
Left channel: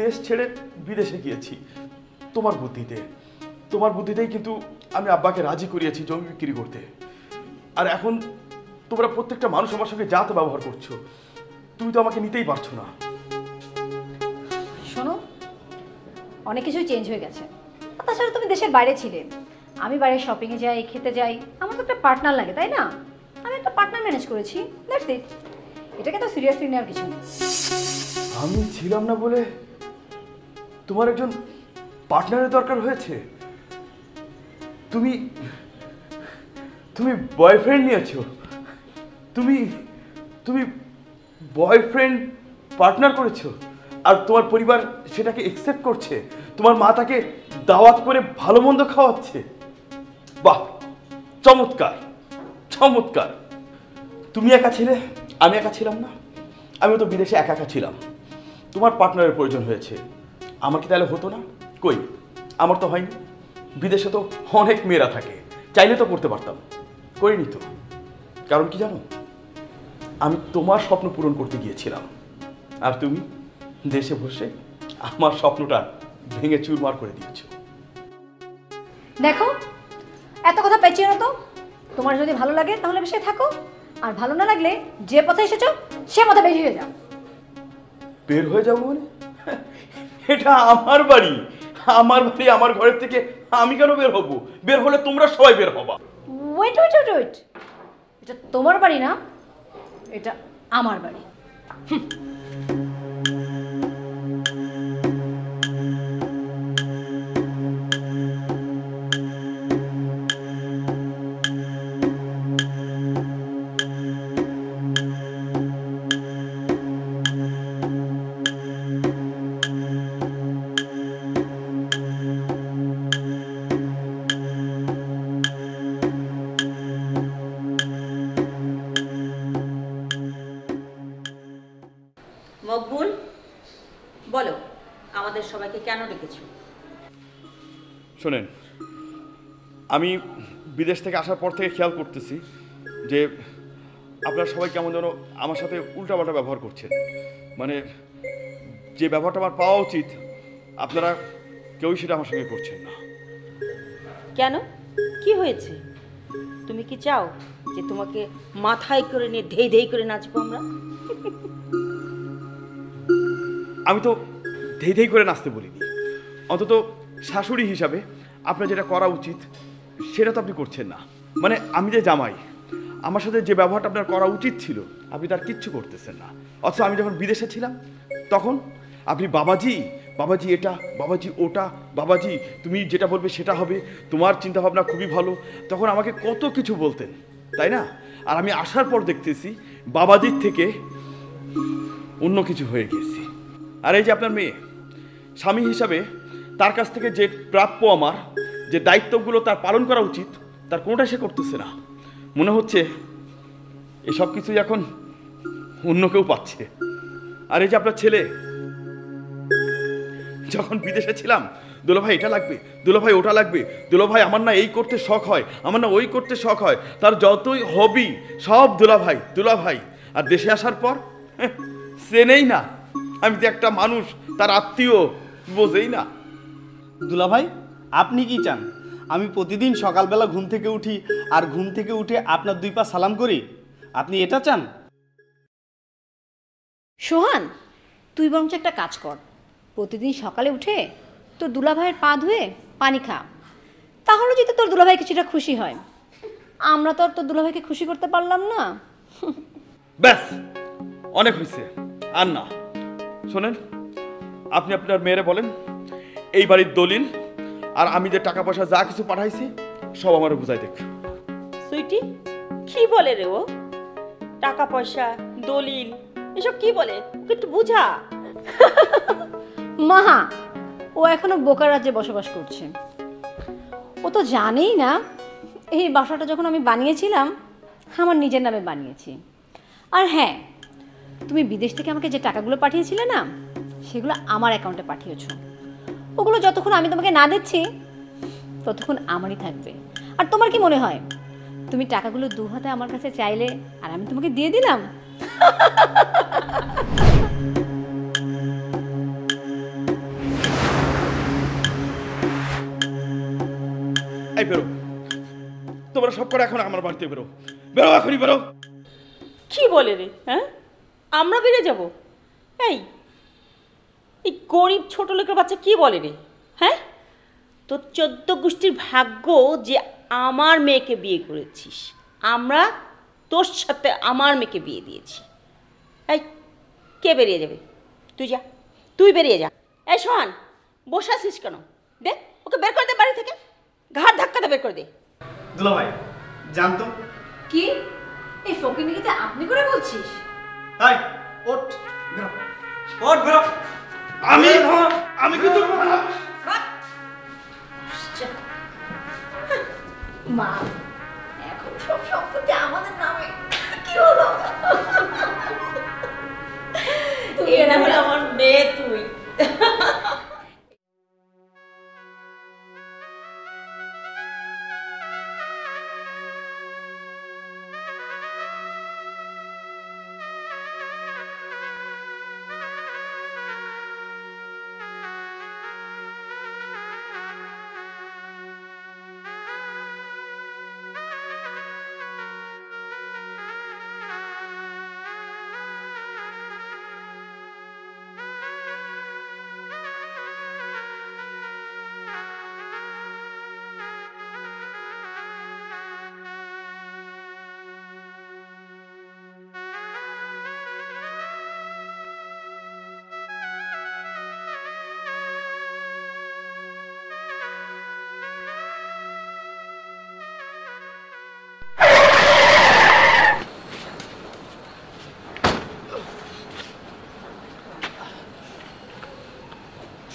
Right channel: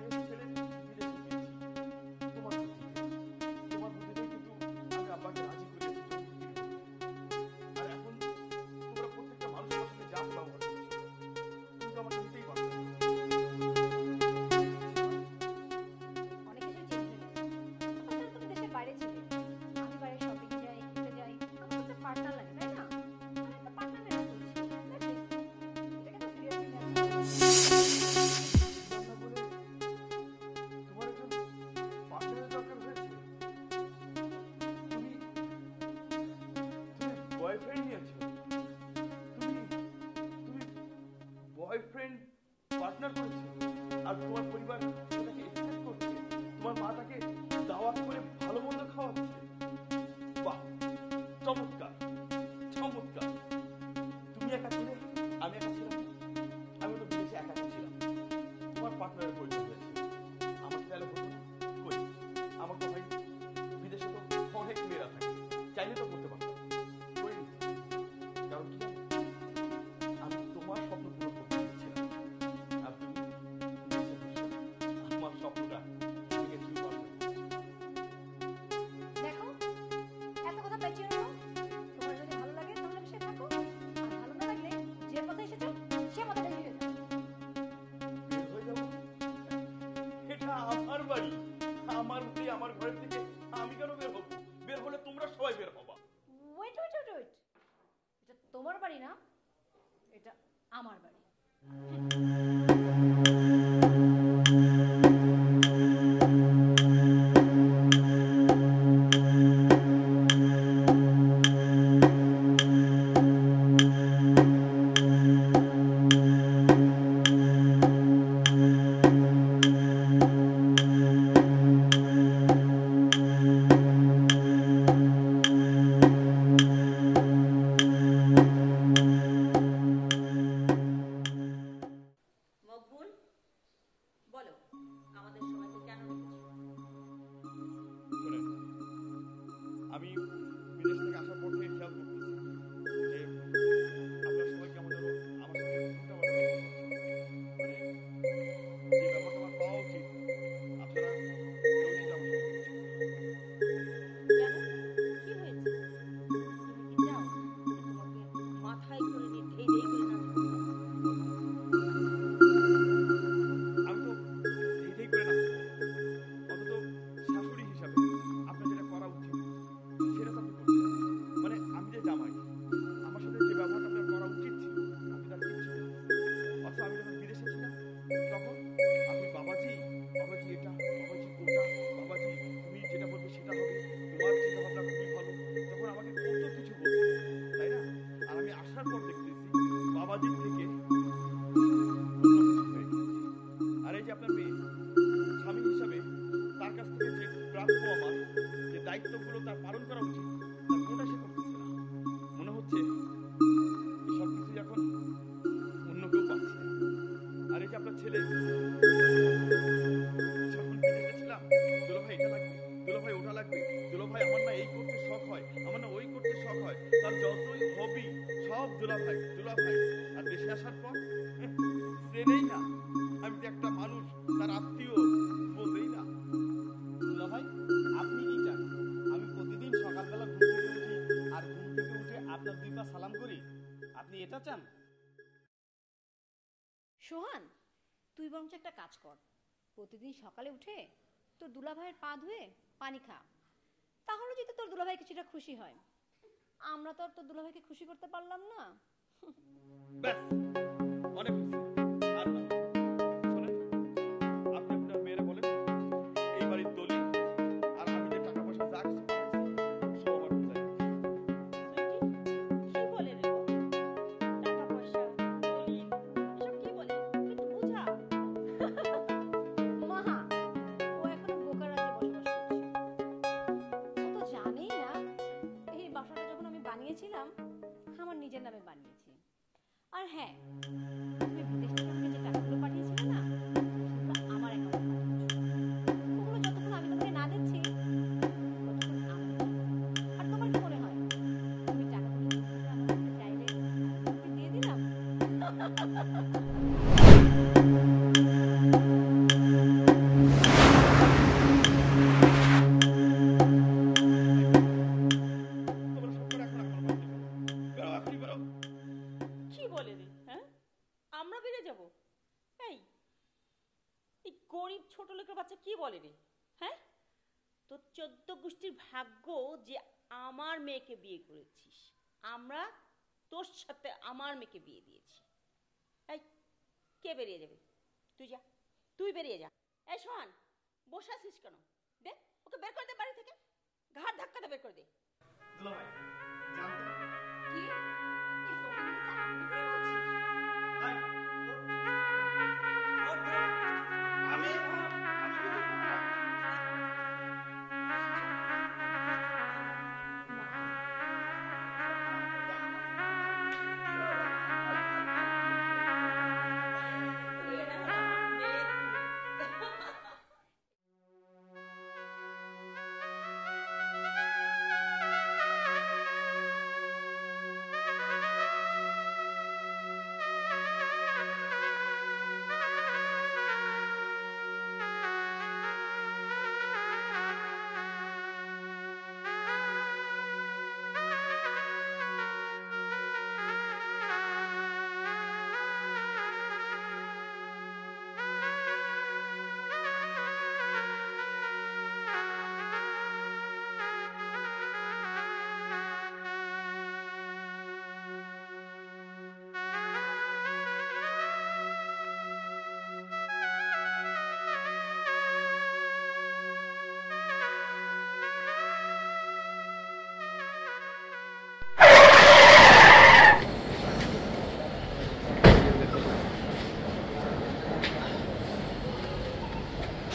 দেশ ছেড়ে বিদেশে গিয়েছি তোমার বুদ্ধিতে। তোমার বুদ্ধিতেই কিন্তু আমি আব্বাকে রাজি করিয়েছি জমি বিক্রি করতে। আর এখন তোমরা প্রত্যেকটা মানুষ আমার সঙ্গে যা তো ব্যবহার করছো, তুমি তো আমাকে নিতেই পারছো না। শোনো, অনেক কিছুই চেঞ্জ হয়ে গেছে। আর তাছাড়া তুমি দেশের বাইরে ছিলে, আমি বাইরে শপিংয়ে যাই, খেতে যাই, আমার তো একটা পার্টনার লাগে, তাই না? আমি একটা পার্টনার ম্যানেজ করেছি, দ্যাটস ইট। এটাকে তো সিরিয়াসলি নেওয়ার কিছু না। আমি ছিলাম না বলে তোমার একজন পার্টনারের দরকার হয়েছে? তুমি তুমি বয়ফ্রেন্ড নিয়েছো? তুমি তুমি বয়ফ্রেন্ড পার্টনার করেছো, আর তোমার পরিবার সেটাকে একসেপ্ট করছে? তোমার মা তাকে দাওয়াত করে ভালো মন্দ খাওয়াচ্ছে? বাহ, চমৎকার চমৎকার। তুমি একা ছিলে, আমি একা ছিলাম না। আমি তো বিদেশে একা একা ছিলাম, তোমার পার্টনারের প্রয়োজন হয়েছে। আমার কি তাহলে হতো না? কই, আমার তো হয়নি। বিদেশে তো অনেক মেয়েরা থাকে, চাইলে তো করতে পারতাম, করিনি তো। কারণ কি জানো, আমি তোমার স্বপ্ন পূরণ করতে গিয়েছিলাম, আর তুমি দেশে বসে আমার স্বপ্নটা ভেঙে চুরমার করে দিয়েছো। দেখো, এত কথা পেঁচিয়ে না তো। তোমার যদি ভালো লাগে তাহলে বেশি থাকো, আর ভালো না লাগলে যে পথে এসেছো সে পথে বেরিয়ে যাও। বের হয়ে যাবো মানে? এটা আমার বাড়ি, আমার বাড়ি, আমার ঘরের থেকে আমি কেন বের হব? বের হলে তোমরা সবাই বের হবা। ওয়েট ওয়েট ওয়েট ওয়েট, এটা তোমার বাড়ি না, এটা আমার বাড়ি। মকবুল, বলো আমাদের সবাইকে কেন ডেকেছো? শোনেন, আমি বিদেশ থেকে আসার পর থেকে খেয়াল করতেছি যে আপনারা সবাই কেমন যেন আমার সাথে উল্টাপাল্টা ব্যবহার করছেন। মানে যে ব্যবহারটা আমার পাওয়া উচিত আপনারা কেউই সেটা আমার সঙ্গে করছেন না। কেন, কি হয়েছে? তুমি কি চাও যে তোমাকে মাথায় করে নিয়ে ধেই ধেই করে নাচবো আমরা? আমি তো ধেই ধেই করে নাচতে বলিনি, অন্তত শাশুড়ি হিসাবে আপনার যেটা করা উচিত সেটা তো আপনি করছেন না। মানে আমি যে জামাই, আমার সাথে যে ব্যবহারটা আপনার করা উচিত ছিল আপনি তার কিচ্ছু করতেছেন না। অথচ আমি যখন বিদেশে ছিলাম তখন আপনি বাবাজি বাবাজি এটা, বাবাজি ওটা, বাবাজি তুমি যেটা বলবে সেটা হবে, তোমার চিন্তাভাবনা খুবই ভালো, তখন আমাকে কত কিছু বলতে, তাই না? আর আমি আসার পর দেখতেছি বাবাজির থেকে অন্য কিছু হয়ে গেছি। আর এই যে আপনার মেয়ে, স্বামী হিসাবে তার কাছ থেকে যে প্রাপ্য আমার, যে দায়িত্বগুলো তার পালন করা উচিত, তার কোনোটা সে করতেছে না। মনে হচ্ছে এসব কিছুই এখন অন্য কেউ পাচ্ছে। আর এই যে আপনার ছেলে, যখন বিদেশে ছিলাম, দুলাভাই এটা লাগবে, দুলাভাই ওটা লাগবে, দুলাভাই আমার না এই করতে শখ হয়, আমার না ওই করতে শখ হয়, তার যতই হবি সব দুলাভাই দুলাভাই। আর দেশে আসার পর চেনেই না আমি তো একটা মানুষ, তার আত্মীয়, বোঝেই না। দুলাভাই, আপনি কি চান আমি প্রতিদিন সকালবেলা ঘুম থেকে উঠি আর ঘুম থেকে উঠে আপনার 2 পা সালাম করি? আপনি এটা চান? সোহান, তুই বরঞ্চ একটা কাজ কর, প্রতিদিন সকালে উঠে তোর দুলাভাইয়ের পা ধুয়ে পানি খা, তাহলে যদি তোর দুলাভাই কিছুটা খুশি হয়। আমরা তো আর তোর দুলাভাইকে খুশি করতে পারলাম না। ব্যাস, অনেক হয়েছে, আর না। শোনেন, আপনি আপনার মেয়েরে বলেন এই বাড়ির দলিল আর আমি যে টাকা পয়সা যা কিছু পাঠাইছি সব আমার বুঝাই দেখ। সুইটি, কি বলে রে ও? টাকা পয়সা, দলিল, এসব কি বলে? ওকে একটু বুঝা। মাহা, ও এখনো বোকার রাজ্যে বসবাস করছে। ও তো জানেই না এই বাসাটা যখন আমি বানিয়েছিলাম আমার নিজের নামে বানিয়েছি। আর হ্যাঁ, তুমি বিদেশ থেকে আমাকে যে টাকাগুলো পাঠিয়েছিলে না, সেগুলো আমার অ্যাকাউন্টে পাঠিয়েছো। ওগুলো যতক্ষণ আমি তোমাকে না দিচ্ছি ততক্ষণ আমারই থাকবে। আর তোমার কি মনে হয় তুমি টাকাগুলো 2 হাতে আমার কাছে চাইলে আর আমি তোমাকে দিয়ে দিলাম? এই বেরো, তোমরা সব করে এখন আমার বাড়িতে বেরো, বেরো, এখনই বেরো। কি বলে রে? হ্যাঁ, আমরা বেড়ে যাব? এই এই গরিব ছোট লোকের বাচ্চা কি বলে রে? হ্যাঁ, তোর 14 গোষ্ঠীর ভাগ্য যে আমার মেয়েকে বিয়ে করেছিস। আমরা তোর সাথে আমার মেয়েকে বিয়ে দিয়েছি। এই, কে বেরিয়ে যাবে? তুই যা, তুই বেরিয়ে যা। এই সোহান, বসে আছিস কেন? দে, ওকে বের করে দে বাড়ি থেকে, ঘাট ধাক্কাতে বের করে দে। দুলাভাই, জানতো কি এই ফকিনিকে আপনি করে বলছিস? তাই ওঠ, বেরো, ওঠ, বেরো। আমি কিন্তু মা, এখন সব সম্পত্তি আমাদের নামে। কি হলো? তুই না হলে আমার মেয়ে তুই।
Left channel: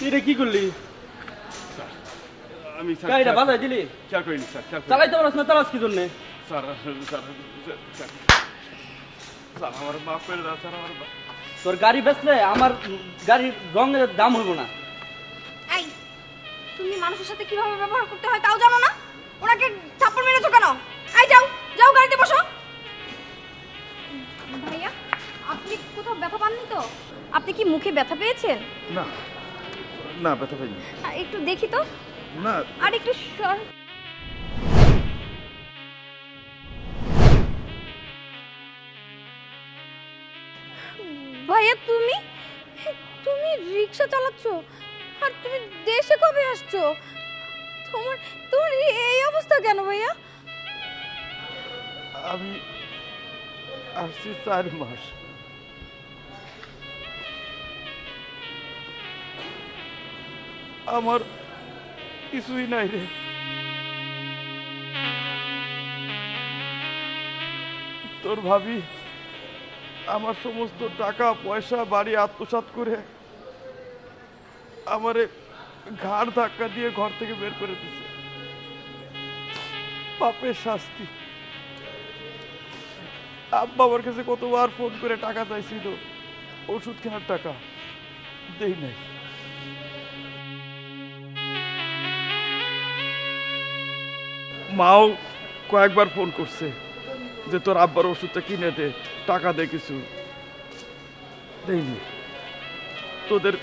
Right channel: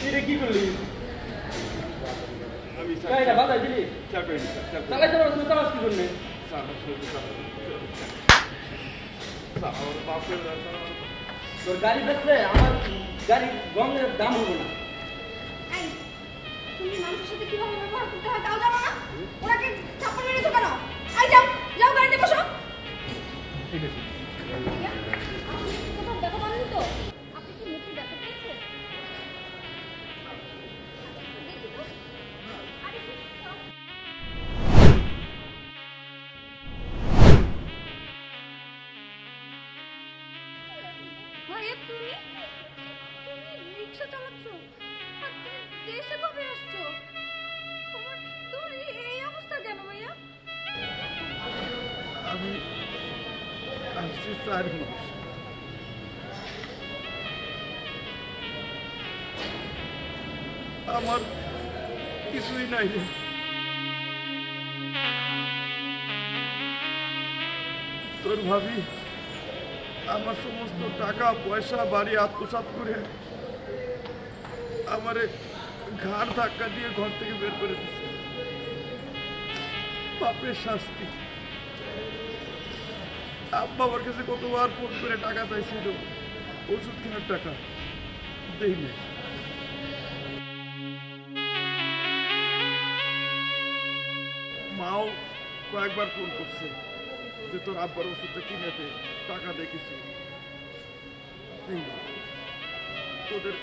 এটা কি করলি? আমি গাড়িটা বাজাই দিলি? খেয়াল করিনি স্যার, চালাইতে পারছ না, চালাস কি জন্যে? স্যার, আমার বাপের রাস্তা, তোর গাড়ি বেচলে আমার গাড়ির রঙের দাম হইব না। এই, তুমি মানুষের সাথে কিভাবে ব্যবহার করতে হয় তাও জানো না? ওনাকে থাপ্পড় মেরেছো কেন? এই যাও, যাও গাড়িতে বসো। ভাইয়া, আপনি কোথাও ব্যথা পাননি তো? আপনি কি মুখে ব্যথা পেয়েছেন? না না, ব্যথা পাইনি। একটু দেখি তো। না, আর একটু সর। ভাইয়া, তুমি তুমি রিক্সা চালাচ্ছ আর তুমি দেশে কবে আসছো? তোমার তোমার এই অবস্থা কেন ভাইয়া? আমি আসছি 4 মাস। আমার কিছুই নাই রে। তোর ভাবি আমার সমস্ত টাকা পয়সা বাড়ি আত্মসাৎ করে আমারে ঘাড় ধাক্কা দিয়ে ঘর থেকে বের করে দিচ্ছে। পাপের শাস্তি। আব্বা আমার কাছে কতবার ফোন করে টাকা চাইছিল, ওষুধ কেনার টাকা, দেই নাই। মাও কয়েকবার ফোন করছে যে তোর আব্বার ওষুধটা কিনে দে, টাকা দে, কিছু দেয়নি। তোদের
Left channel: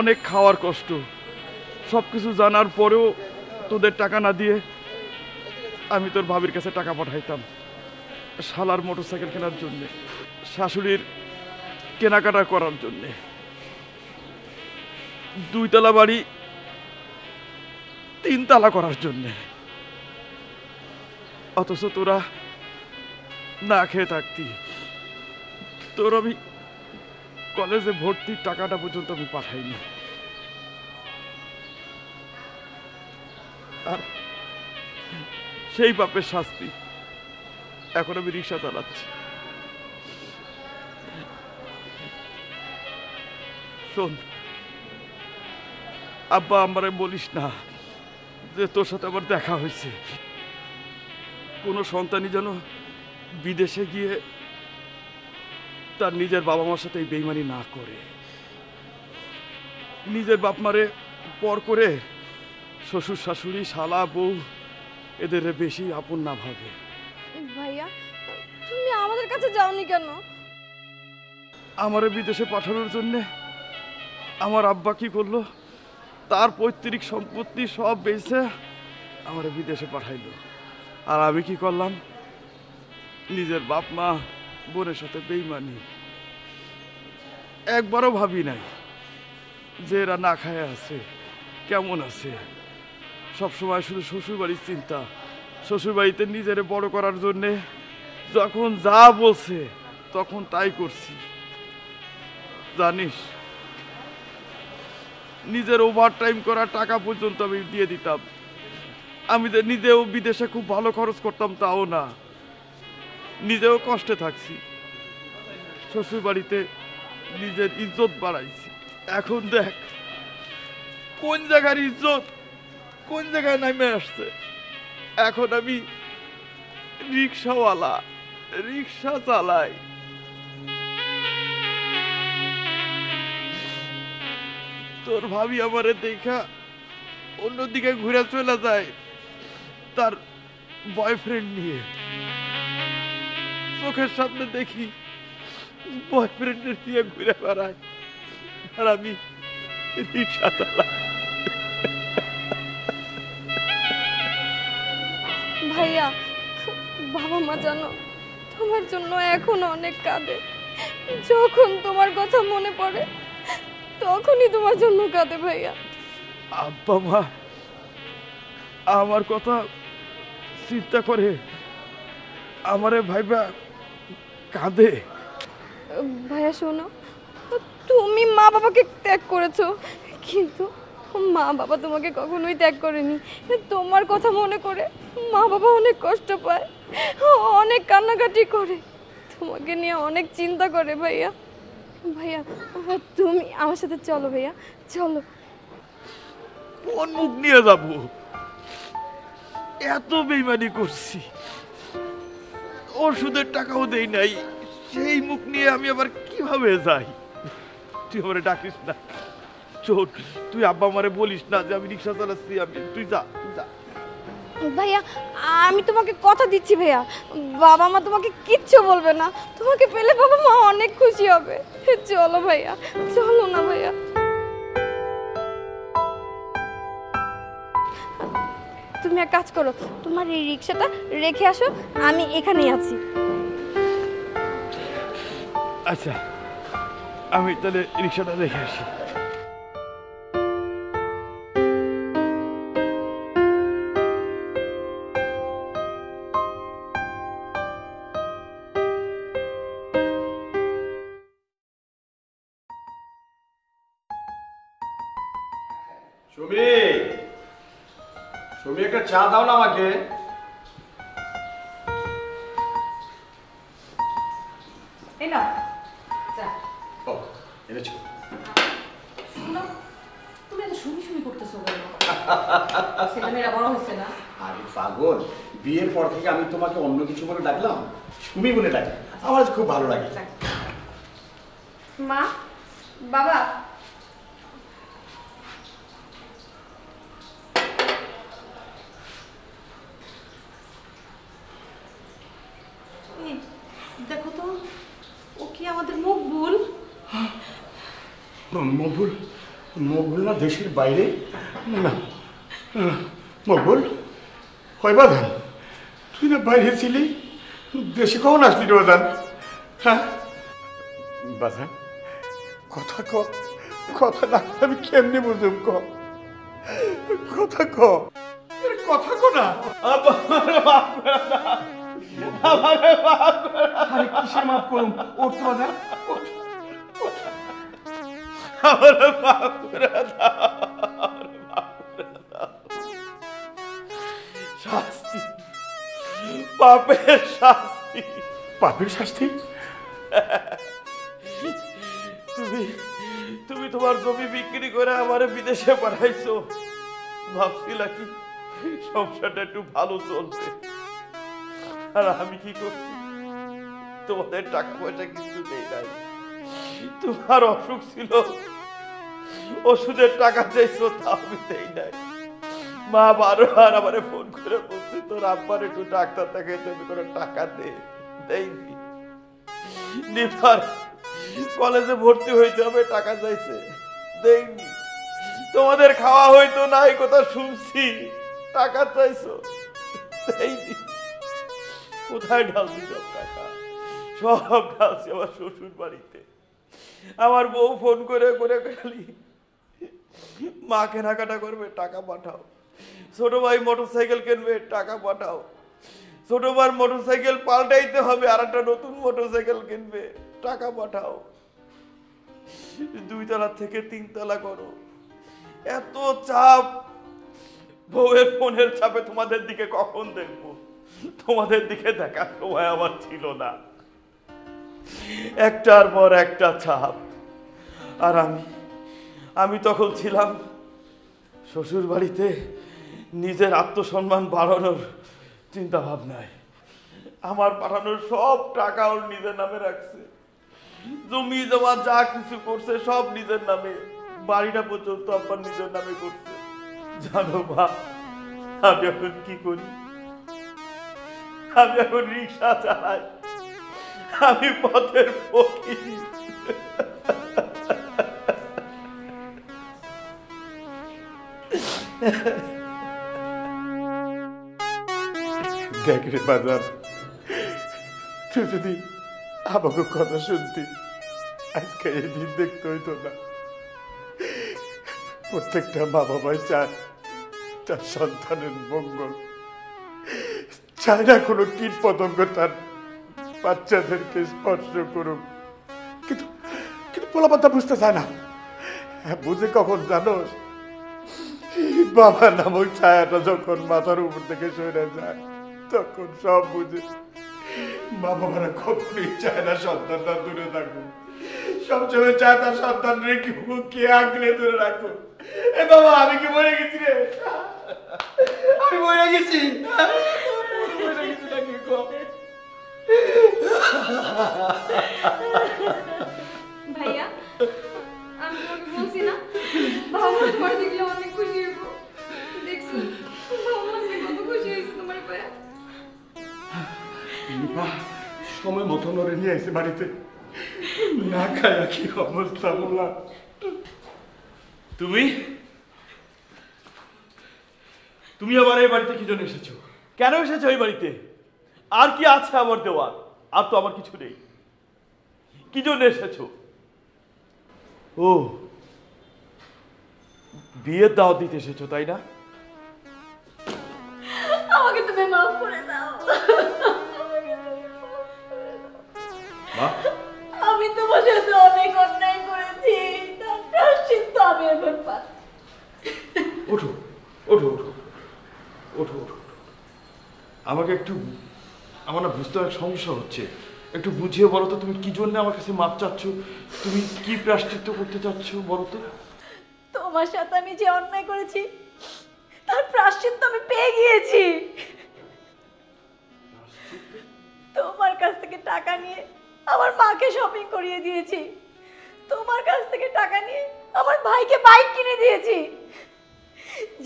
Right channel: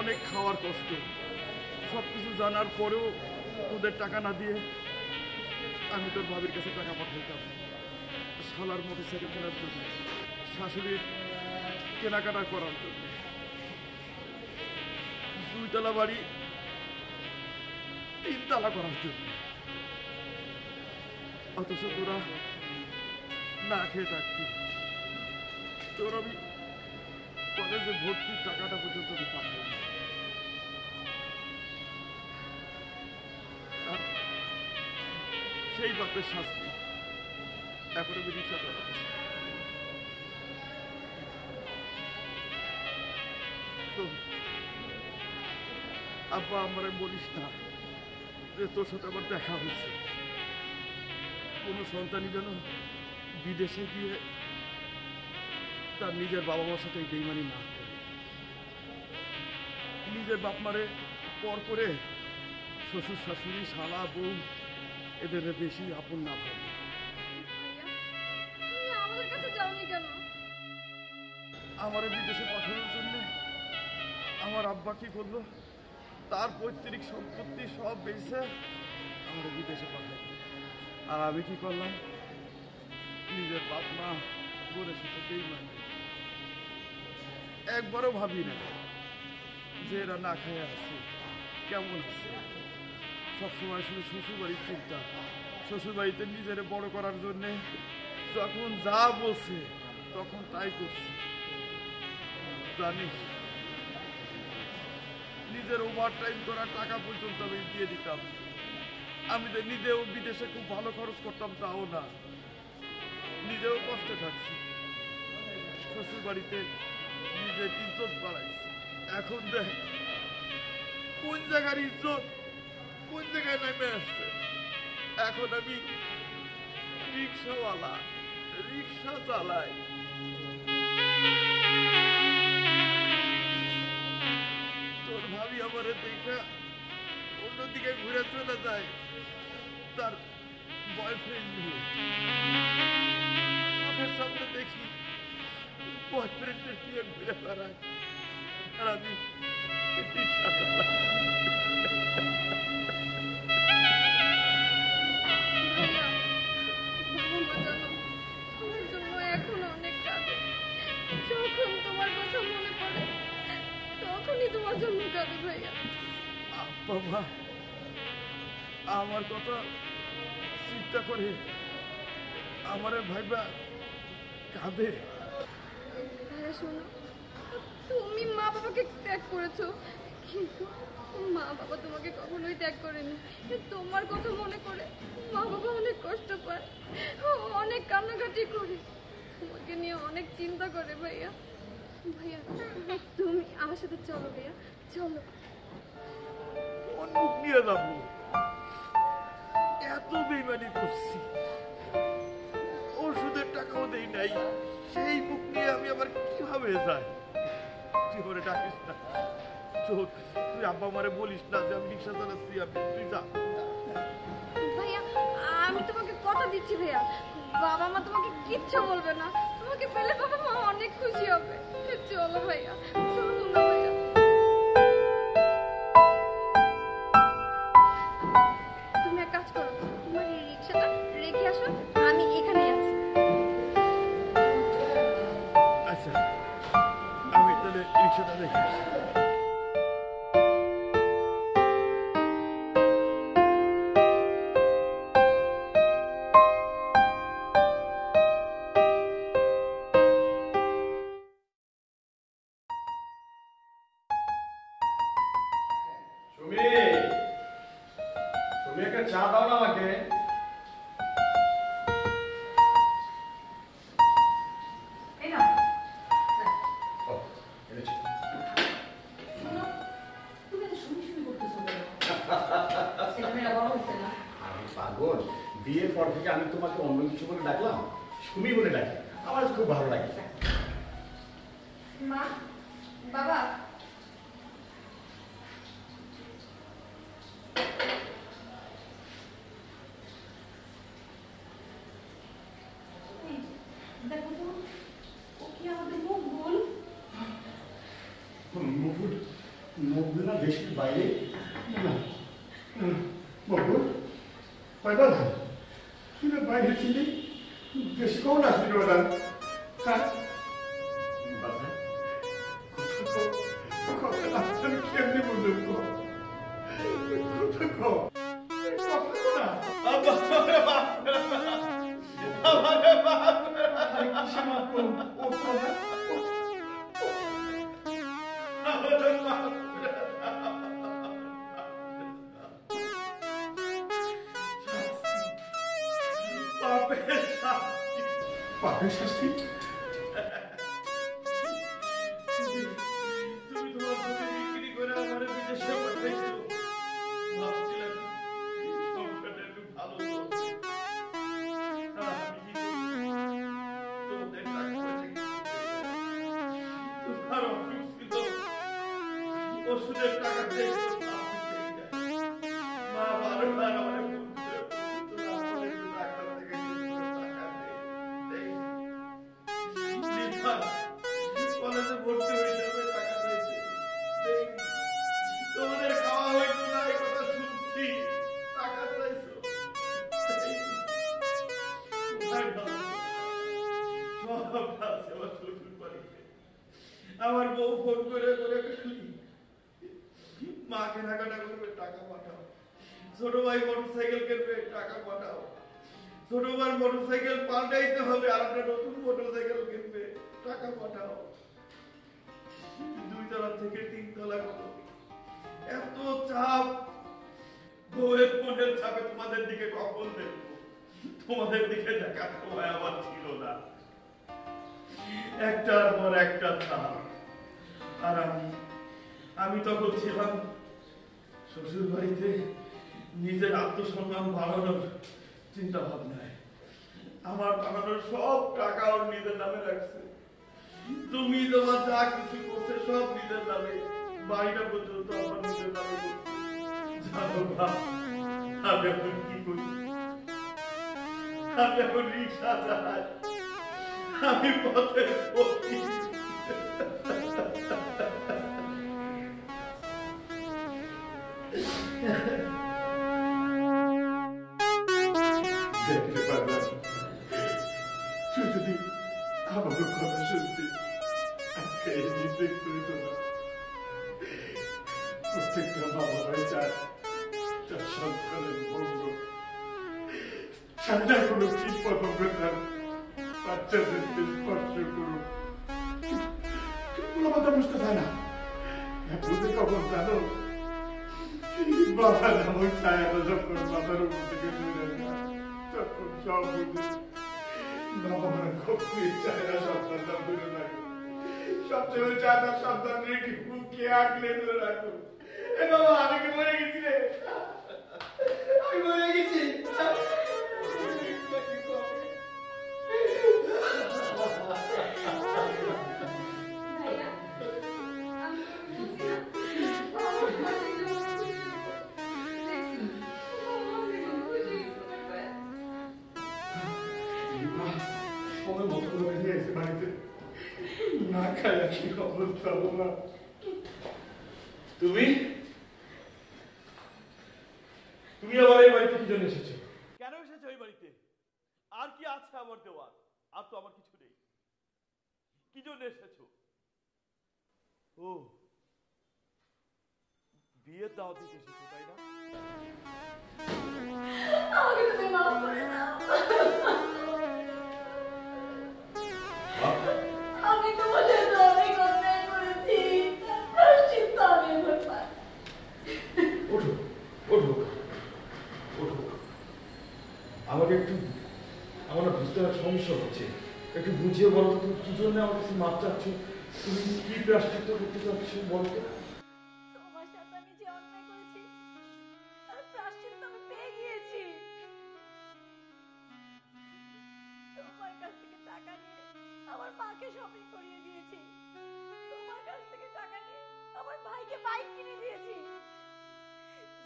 অনেক খাওয়ার কষ্ট, সব কিছু জানার পরেও তোদের টাকা না দিয়ে আমি তোর ভাবির কাছে টাকা পাঠাইতাম শালার মোটরসাইকেল কেনার জন্যে, শাশুড়ির কেনাকাটা করার জন্যে। 2 তলা বাড়ি 3 তলা করার জন্যে। অথচ তোরা না খেয়ে থাকতি। তোর আমি কলেজে ভর্তির টাকাটা পর্যন্ত আমি পাঠাইনি। আর সেই পাপের শাস্তি এখন আমি রিক্সা চালাচ্ছি। শোন আব্বা, আমারে বলিস না যে তোর সাথে আমার দেখা হয়েছে। কোনো সন্তানই যেন বিদেশে গিয়ে তার নিজের বাবা মার সাথে বেইমানি না করে, নিজের বাপ মারে পর করে শ্বশুর শাশুড়ি শালা বউ এদের বেশি আপন না ভাবে। ভাইয়া তুমি আমাদের কাছে যাওনি কেন? আমারে বিদেশে পাঠানোর জন্য আমার আব্বা কি করলো, তার পৈতৃক সম্পত্তি সব বেচে আমারে বিদেশে পাঠাইলো। আর আমি কি করলাম, নিজের বাপ মা বোনের সাথে বেইমানি। একবারও ভাবি নাই যে এরা না খায় আছে, কেমন আছে। সবসময় শুধু শ্বশুরবাড়ির চিন্তা। শ্বশুরবাড়িতে নিজেরে বড় করার জন্যে যখন যা বলছে তখন তাই করছি। জানিস, নিজের ওভার টাইম করা টাকা পর্যন্ত আমি দিয়ে দিতাম। আমি যে নিজেও বিদেশে খুব ভালো খরচ করতাম তাও না, নিজেও কষ্টে থাকছি। শ্বশুর বাড়িতে নিজের ইজ্জত বাড়াইছি। এখন দেখ কোন জায়গার ইজ্জত কোন জায়গায় নামে আসছে। এখন আমি রিক্সাওয়ালা, রিক্সা চালাই। তোর ভাবি আমারে দেখা অন্যদিকে ঘুরে চলে যায় তার বয়ফ্রেন্ড নিয়ে। চোখের সামনে দেখি বয়ফ্রেন্ডের নিয়ে ঘুরে বেড়ায়, আর আমি রিক্সা চালাই। ভাইয়া বাবা মা জানো তোমার জন্য এখনো অনেক কাঁদে। যখন তোমার কথা মনে পড়ে তখনই তোমার জন্য কাঁদে ভাইয়া। আব্বা মা আমার কথা চিন্তা করে আমারে ভাইবা কাঁদে। ভাইয়া শোনো, তুমি মা বাবাকে ত্যাগ করেছো, কিন্তু মা বাবা তোমাকে কখনোই ত্যাগ করেনি। তোমার কথা মনে করে মা বাবা অনেক কষ্ট পায়, অনেক কান্নাকাটি করে, তোমাকে নিয়ে অনেক চিন্তা করে ভাইয়া। ভাইয়া তুমি আমার সাথে চলো ভাইয়া, চলো। কোন মুখ নিয়ে যাব? এত বেইমানি করছি, ওষুধের টাকাও দেই নাই, সেই মুখ নিয়ে আমি আবার কিভাবে যাই? তুই আমারে ডাকিস না, চোট। তুই আব্বা আমারে বলিস না যে আমি রিক্সা চালাচ্ছি। তুই যা, যা। ভাইয়া আমি তোমাকে কথা দিচ্ছি ভাইয়া, বাবা মা তোমাকে কিচ্ছু বলবে না। তোমাকে পেলে বাবা মা অনেক খুশি হবে। চলো ভাইয়া, চলো না ভাইয়া। তুমি এক কাজ করো, তোমার এই রিক্সাটা রেখে আসো, আমি এখানেই আছি। আচ্ছা আমি তাহলে রিক্সাটা রেখে আসি। তুমি একটা চা দাও না আমাকে। এই না ও, এনেছো। তুমি এত শুনি শুনি করতেছো কেন? ছেলেমেয়েরা বড় হয়েছে না? আরে পাগল, বিয়ের পর থেকে আমি তোমাকে অন্য কিছু বলে ডাকলাম, সুমি বলে ডাকি। আমার খুব ভালো লাগে। মা, বাবা, এই, দেখো তো, ও কি আমাদের মকবুল? মকবুল? মকবুল না দেশের বাইরে? না মকবুল, কয় বাদান তুই না বাইরে ছিলি, দেশে কখন আসলি রে বাদান? হ্যাঁ বাদান, কথা ক, কথা না আমি কেমনি বুঝুম, ক কথা ক, কথা ক না। আরে কিসে মাফ করুম? ওঠ বাদান, ওঠ। শাস্তি, পাপের শাস্তি। পাপের শাস্তি? তুমি তুমি তোমার জমি বিক্রি করে আমারে বিদেশে পাঠাইছো। ভাবছিলা কি সংসারটা একটু ভালো চলবে, আর আমি কি করছি? তোমাদের টাকা পয়সা কিছু দেই নাই। তোমার অসুখ ছিল, ওষুধের টাকা চাইছো, তা আমি দেই নাই। মা বারবার আমারে ফোন করে বলছে তোর আব্বার একটু ডাক্তার দেখাইতে হবে, তোর টাকা দে, দেইনি। নিপার কলেজে ভর্তি হইতে হবে, টাকা চাইছে, দেইনি। তোমাদের খাওয়া হইতো না, এই কথা শুনছি, টাকা চাইছো, দেইনি। কোথায় ঢালছি সব টাকা? সব ঢালছি আমার শ্বশুর বাড়িতে। আমার বউ ফোন করে করে খালি মা কেনাকাটা করবে, টাকা পাঠাও। ছোট ভাই মোটরসাইকেল কিনবে, টাকা পাঠাও। ছোট ভাই মোটরসাইকেল পাল্টাইতে হবে, আর একটা নতুন মোটরসাইকেল কিনবে, টাকা পাঠাও। 2 তলা থেকে 3 তলা করো, এত চাপ। বউয়ের ফোনের চাপে তোমাদের দিকে কখন দেখবো? তোমাদের দিকে দেখার সময় আমার ছিল না। একটার পর একটা চাপ। আর আমি তখন ছিলাম শ্বশুর বাড়িতে, নিজের আত্মসম্মান বাড়ানোর চিন্তা ভাবনায়। আমার পাঠানোর সব টাকা ওর নিজের নামে রাখছে, জমি জমা যা কিছু করছে সব নিজের নামে, বাড়িটা পর্যন্ত আমার নিজের নামে করছে। জানো মা, আমি এখন কি করি? আমি এখন রিক্সা চালাই, আমি পথের ফকির। দেখ রে বাজার, তুই যদি আমাকে কথা শুনতি, আজকে এই দিন দেখতে হইতো না। প্রত্যেকটা মা বাবাই চায় তার সন্তানের মঙ্গল, চায় না কোনো কীট পতঙ্গ তার বাচ্চাদেরকে স্পর্শ করুক। কিন্তু কিন্তু পোলাপাতা বুঝতে চায় না। বুঝে কখন জানোস? বাবা নামক ছায়াটা যখন মাথার উপর থেকে সরে যায়, তখন সব বুঝে। মা বাবারা কখনই চায় না সন্তানটা দূরে থাকুক, সবসময় চায় তার সন্তান রেখে মুখে আঁকলে ধরে রাখো। এ বাবা, আমি কি মরে গেছি রে? আমি মরে গেছি, মরে গেছি নাকি? ভাইয়া, আমি তোমাকে বলছি না বাবা তোমার দেখলে অনেক খুশি হইব। দেখছি বাবা আজকে কত খুশি হয়েছে তোমার পায়ে। সময় মতো নড়ে নিয়ে এসে বাড়িতে, না খায় কি অবস্থা বললাম। তুমি তুমি আবার এই বাড়িতে কি জন্য এসেছো? কেন এসেছো এই বাড়িতে? আর কি আছে আমার দেওয়ার? আর তো আমার কিছু নেই। কি জন্য এসেছো? ও, বিয়ের দাওয়াত দিতে এসেছো, তাই না? আমাকে তুমি মাফ করে দাও। আমি তোমার সাথে অনেক অন্যায় করেছি, তার প্রায়শ্চিত্ত আমি এখন পাচ্ছি। ওঠো ওঠো ওঠো, আমাকে একটু, আমার না বুঝতে অনেক সমস্যা হচ্ছে, একটু বুঝিয়ে বলো তো তুমি কি জন্য আমার কাছে মাপ চাচ্ছ, তুমি কি প্রায়শ্চিত্ত করতে চাচ্ছ বলো তো। তোমার সাথে আমি যে অন্যায় করেছি তার প্রায়শ্চিত্ত আমি পেয়ে গিয়েছি। তোমার কাছ থেকে টাকা নিয়ে আমার মাকে শপিং করিয়ে দিয়েছি, তোমার কাছ থেকে টাকা নিয়ে আমার ভাইকে বাইক কিনে দিয়েছি,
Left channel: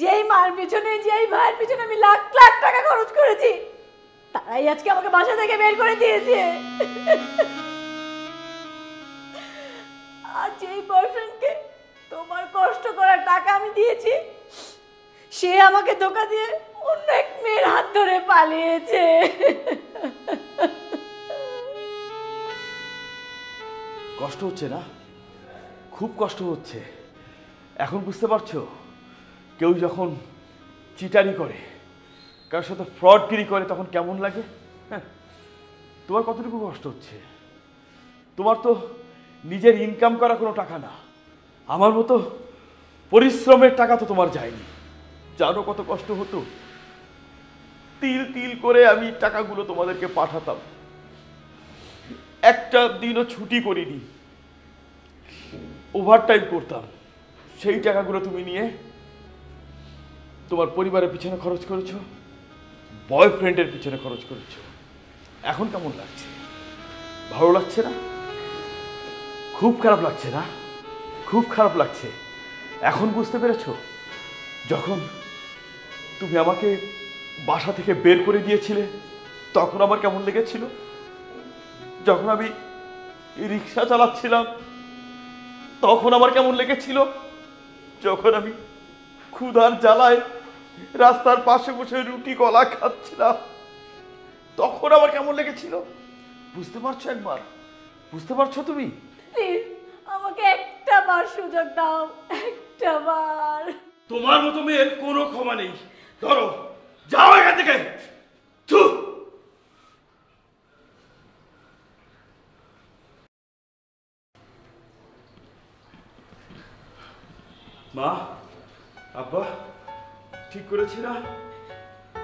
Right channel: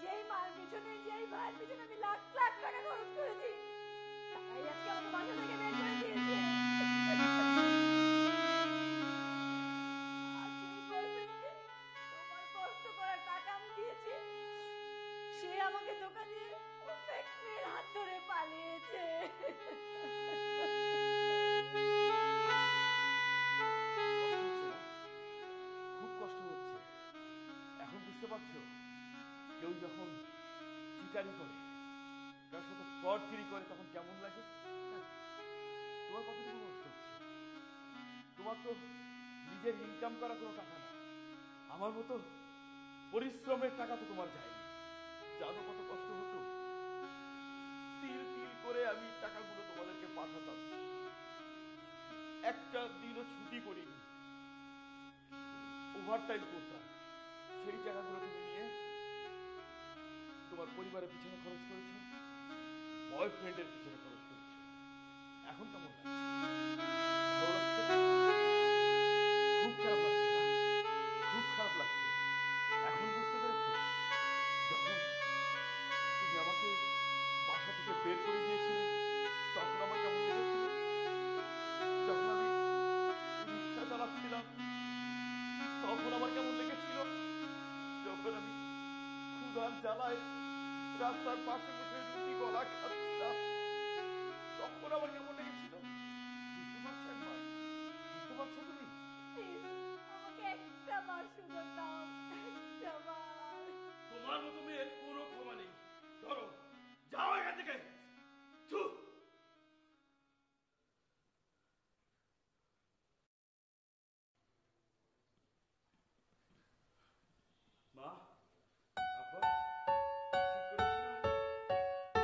যেই মার পিছনে যেই ভাইয়ের পিছনে আমি লাখ লাখ টাকা খরচ করেছি তারাই আজকে আমাকে বাসা থেকে বের করে দিয়েছে। আর যেই বয়ফ্রেন্ডকে তোমার কষ্ট করার টাকা আমি দিয়েছি সে আমাকে ধোঁকা দিয়ে অন্য এক মেয়ের হাত ধরে পালিয়েছে। কষ্ট হচ্ছে না? খুব কষ্ট হচ্ছে। এখন বুঝতে পারছো কেউ যখন চিটারি করে, কারোর সাথে ফ্রডগিরি করে তখন কেমন লাগে? হ্যাঁ, তোমার কতটুকু কষ্ট হচ্ছে? তোমার তো নিজের ইনকাম করা কোনো টাকা না, আমার মতো পরিশ্রমের টাকা তো তোমার যায়নি। জানো কত কষ্ট হতো? তিল তিল করে আমি টাকাগুলো তোমাদেরকে পাঠাতাম, একটা দিনও ছুটি করিনি, ওভারটাইম করতাম। সেই টাকাগুলো তুমি নিয়ে তোমার পরিবারের পিছনে খরচ করেছো, বয়ফ্রেন্ডের পিছনে খরচ করেছো। এখন কেমন লাগছে? ভালো লাগছে না? খুব খারাপ লাগছে না? খুব খারাপ লাগছে। এখন বুঝতে পেরেছো? যখন তুমি আমাকে বাসা থেকে বের করে দিয়েছিলে তখন আমার কেমন লেগেছিল? যখন আমি রিক্সা চালাচ্ছিলাম তখন আমার কেমন লেগেছিল? যখন আমি ক্ষুধার জ্বালায় রাস্তার পাশে বসে রুটি কলা খাচ্ছিলাম তখন আমার কেমন লেগেছিল? বুঝতে পারছো? একবার বুঝতে পারছো তুমি? প্লিজ আমাকে একটা বার সুযোগ দাও, একটা বার। তোমার মতো মেয়ের কোনো ক্ষমা নেই। ধরো, যাও এখান থেকে। মা, আব্বা, ঠিক করেছি না?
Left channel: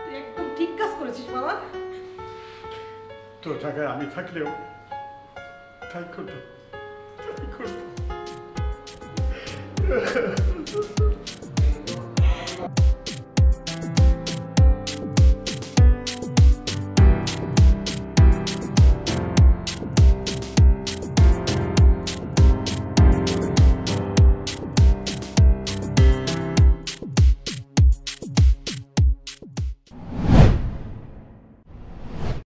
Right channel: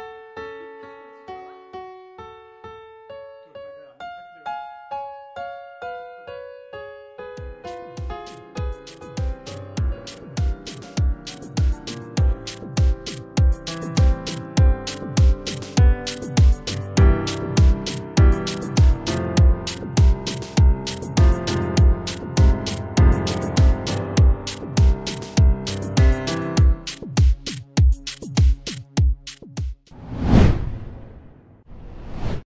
তুই একদম ঠিক কাজ করেছিস বাবা। তোর জায়গায় আমি থাকলেও তাই করতাম।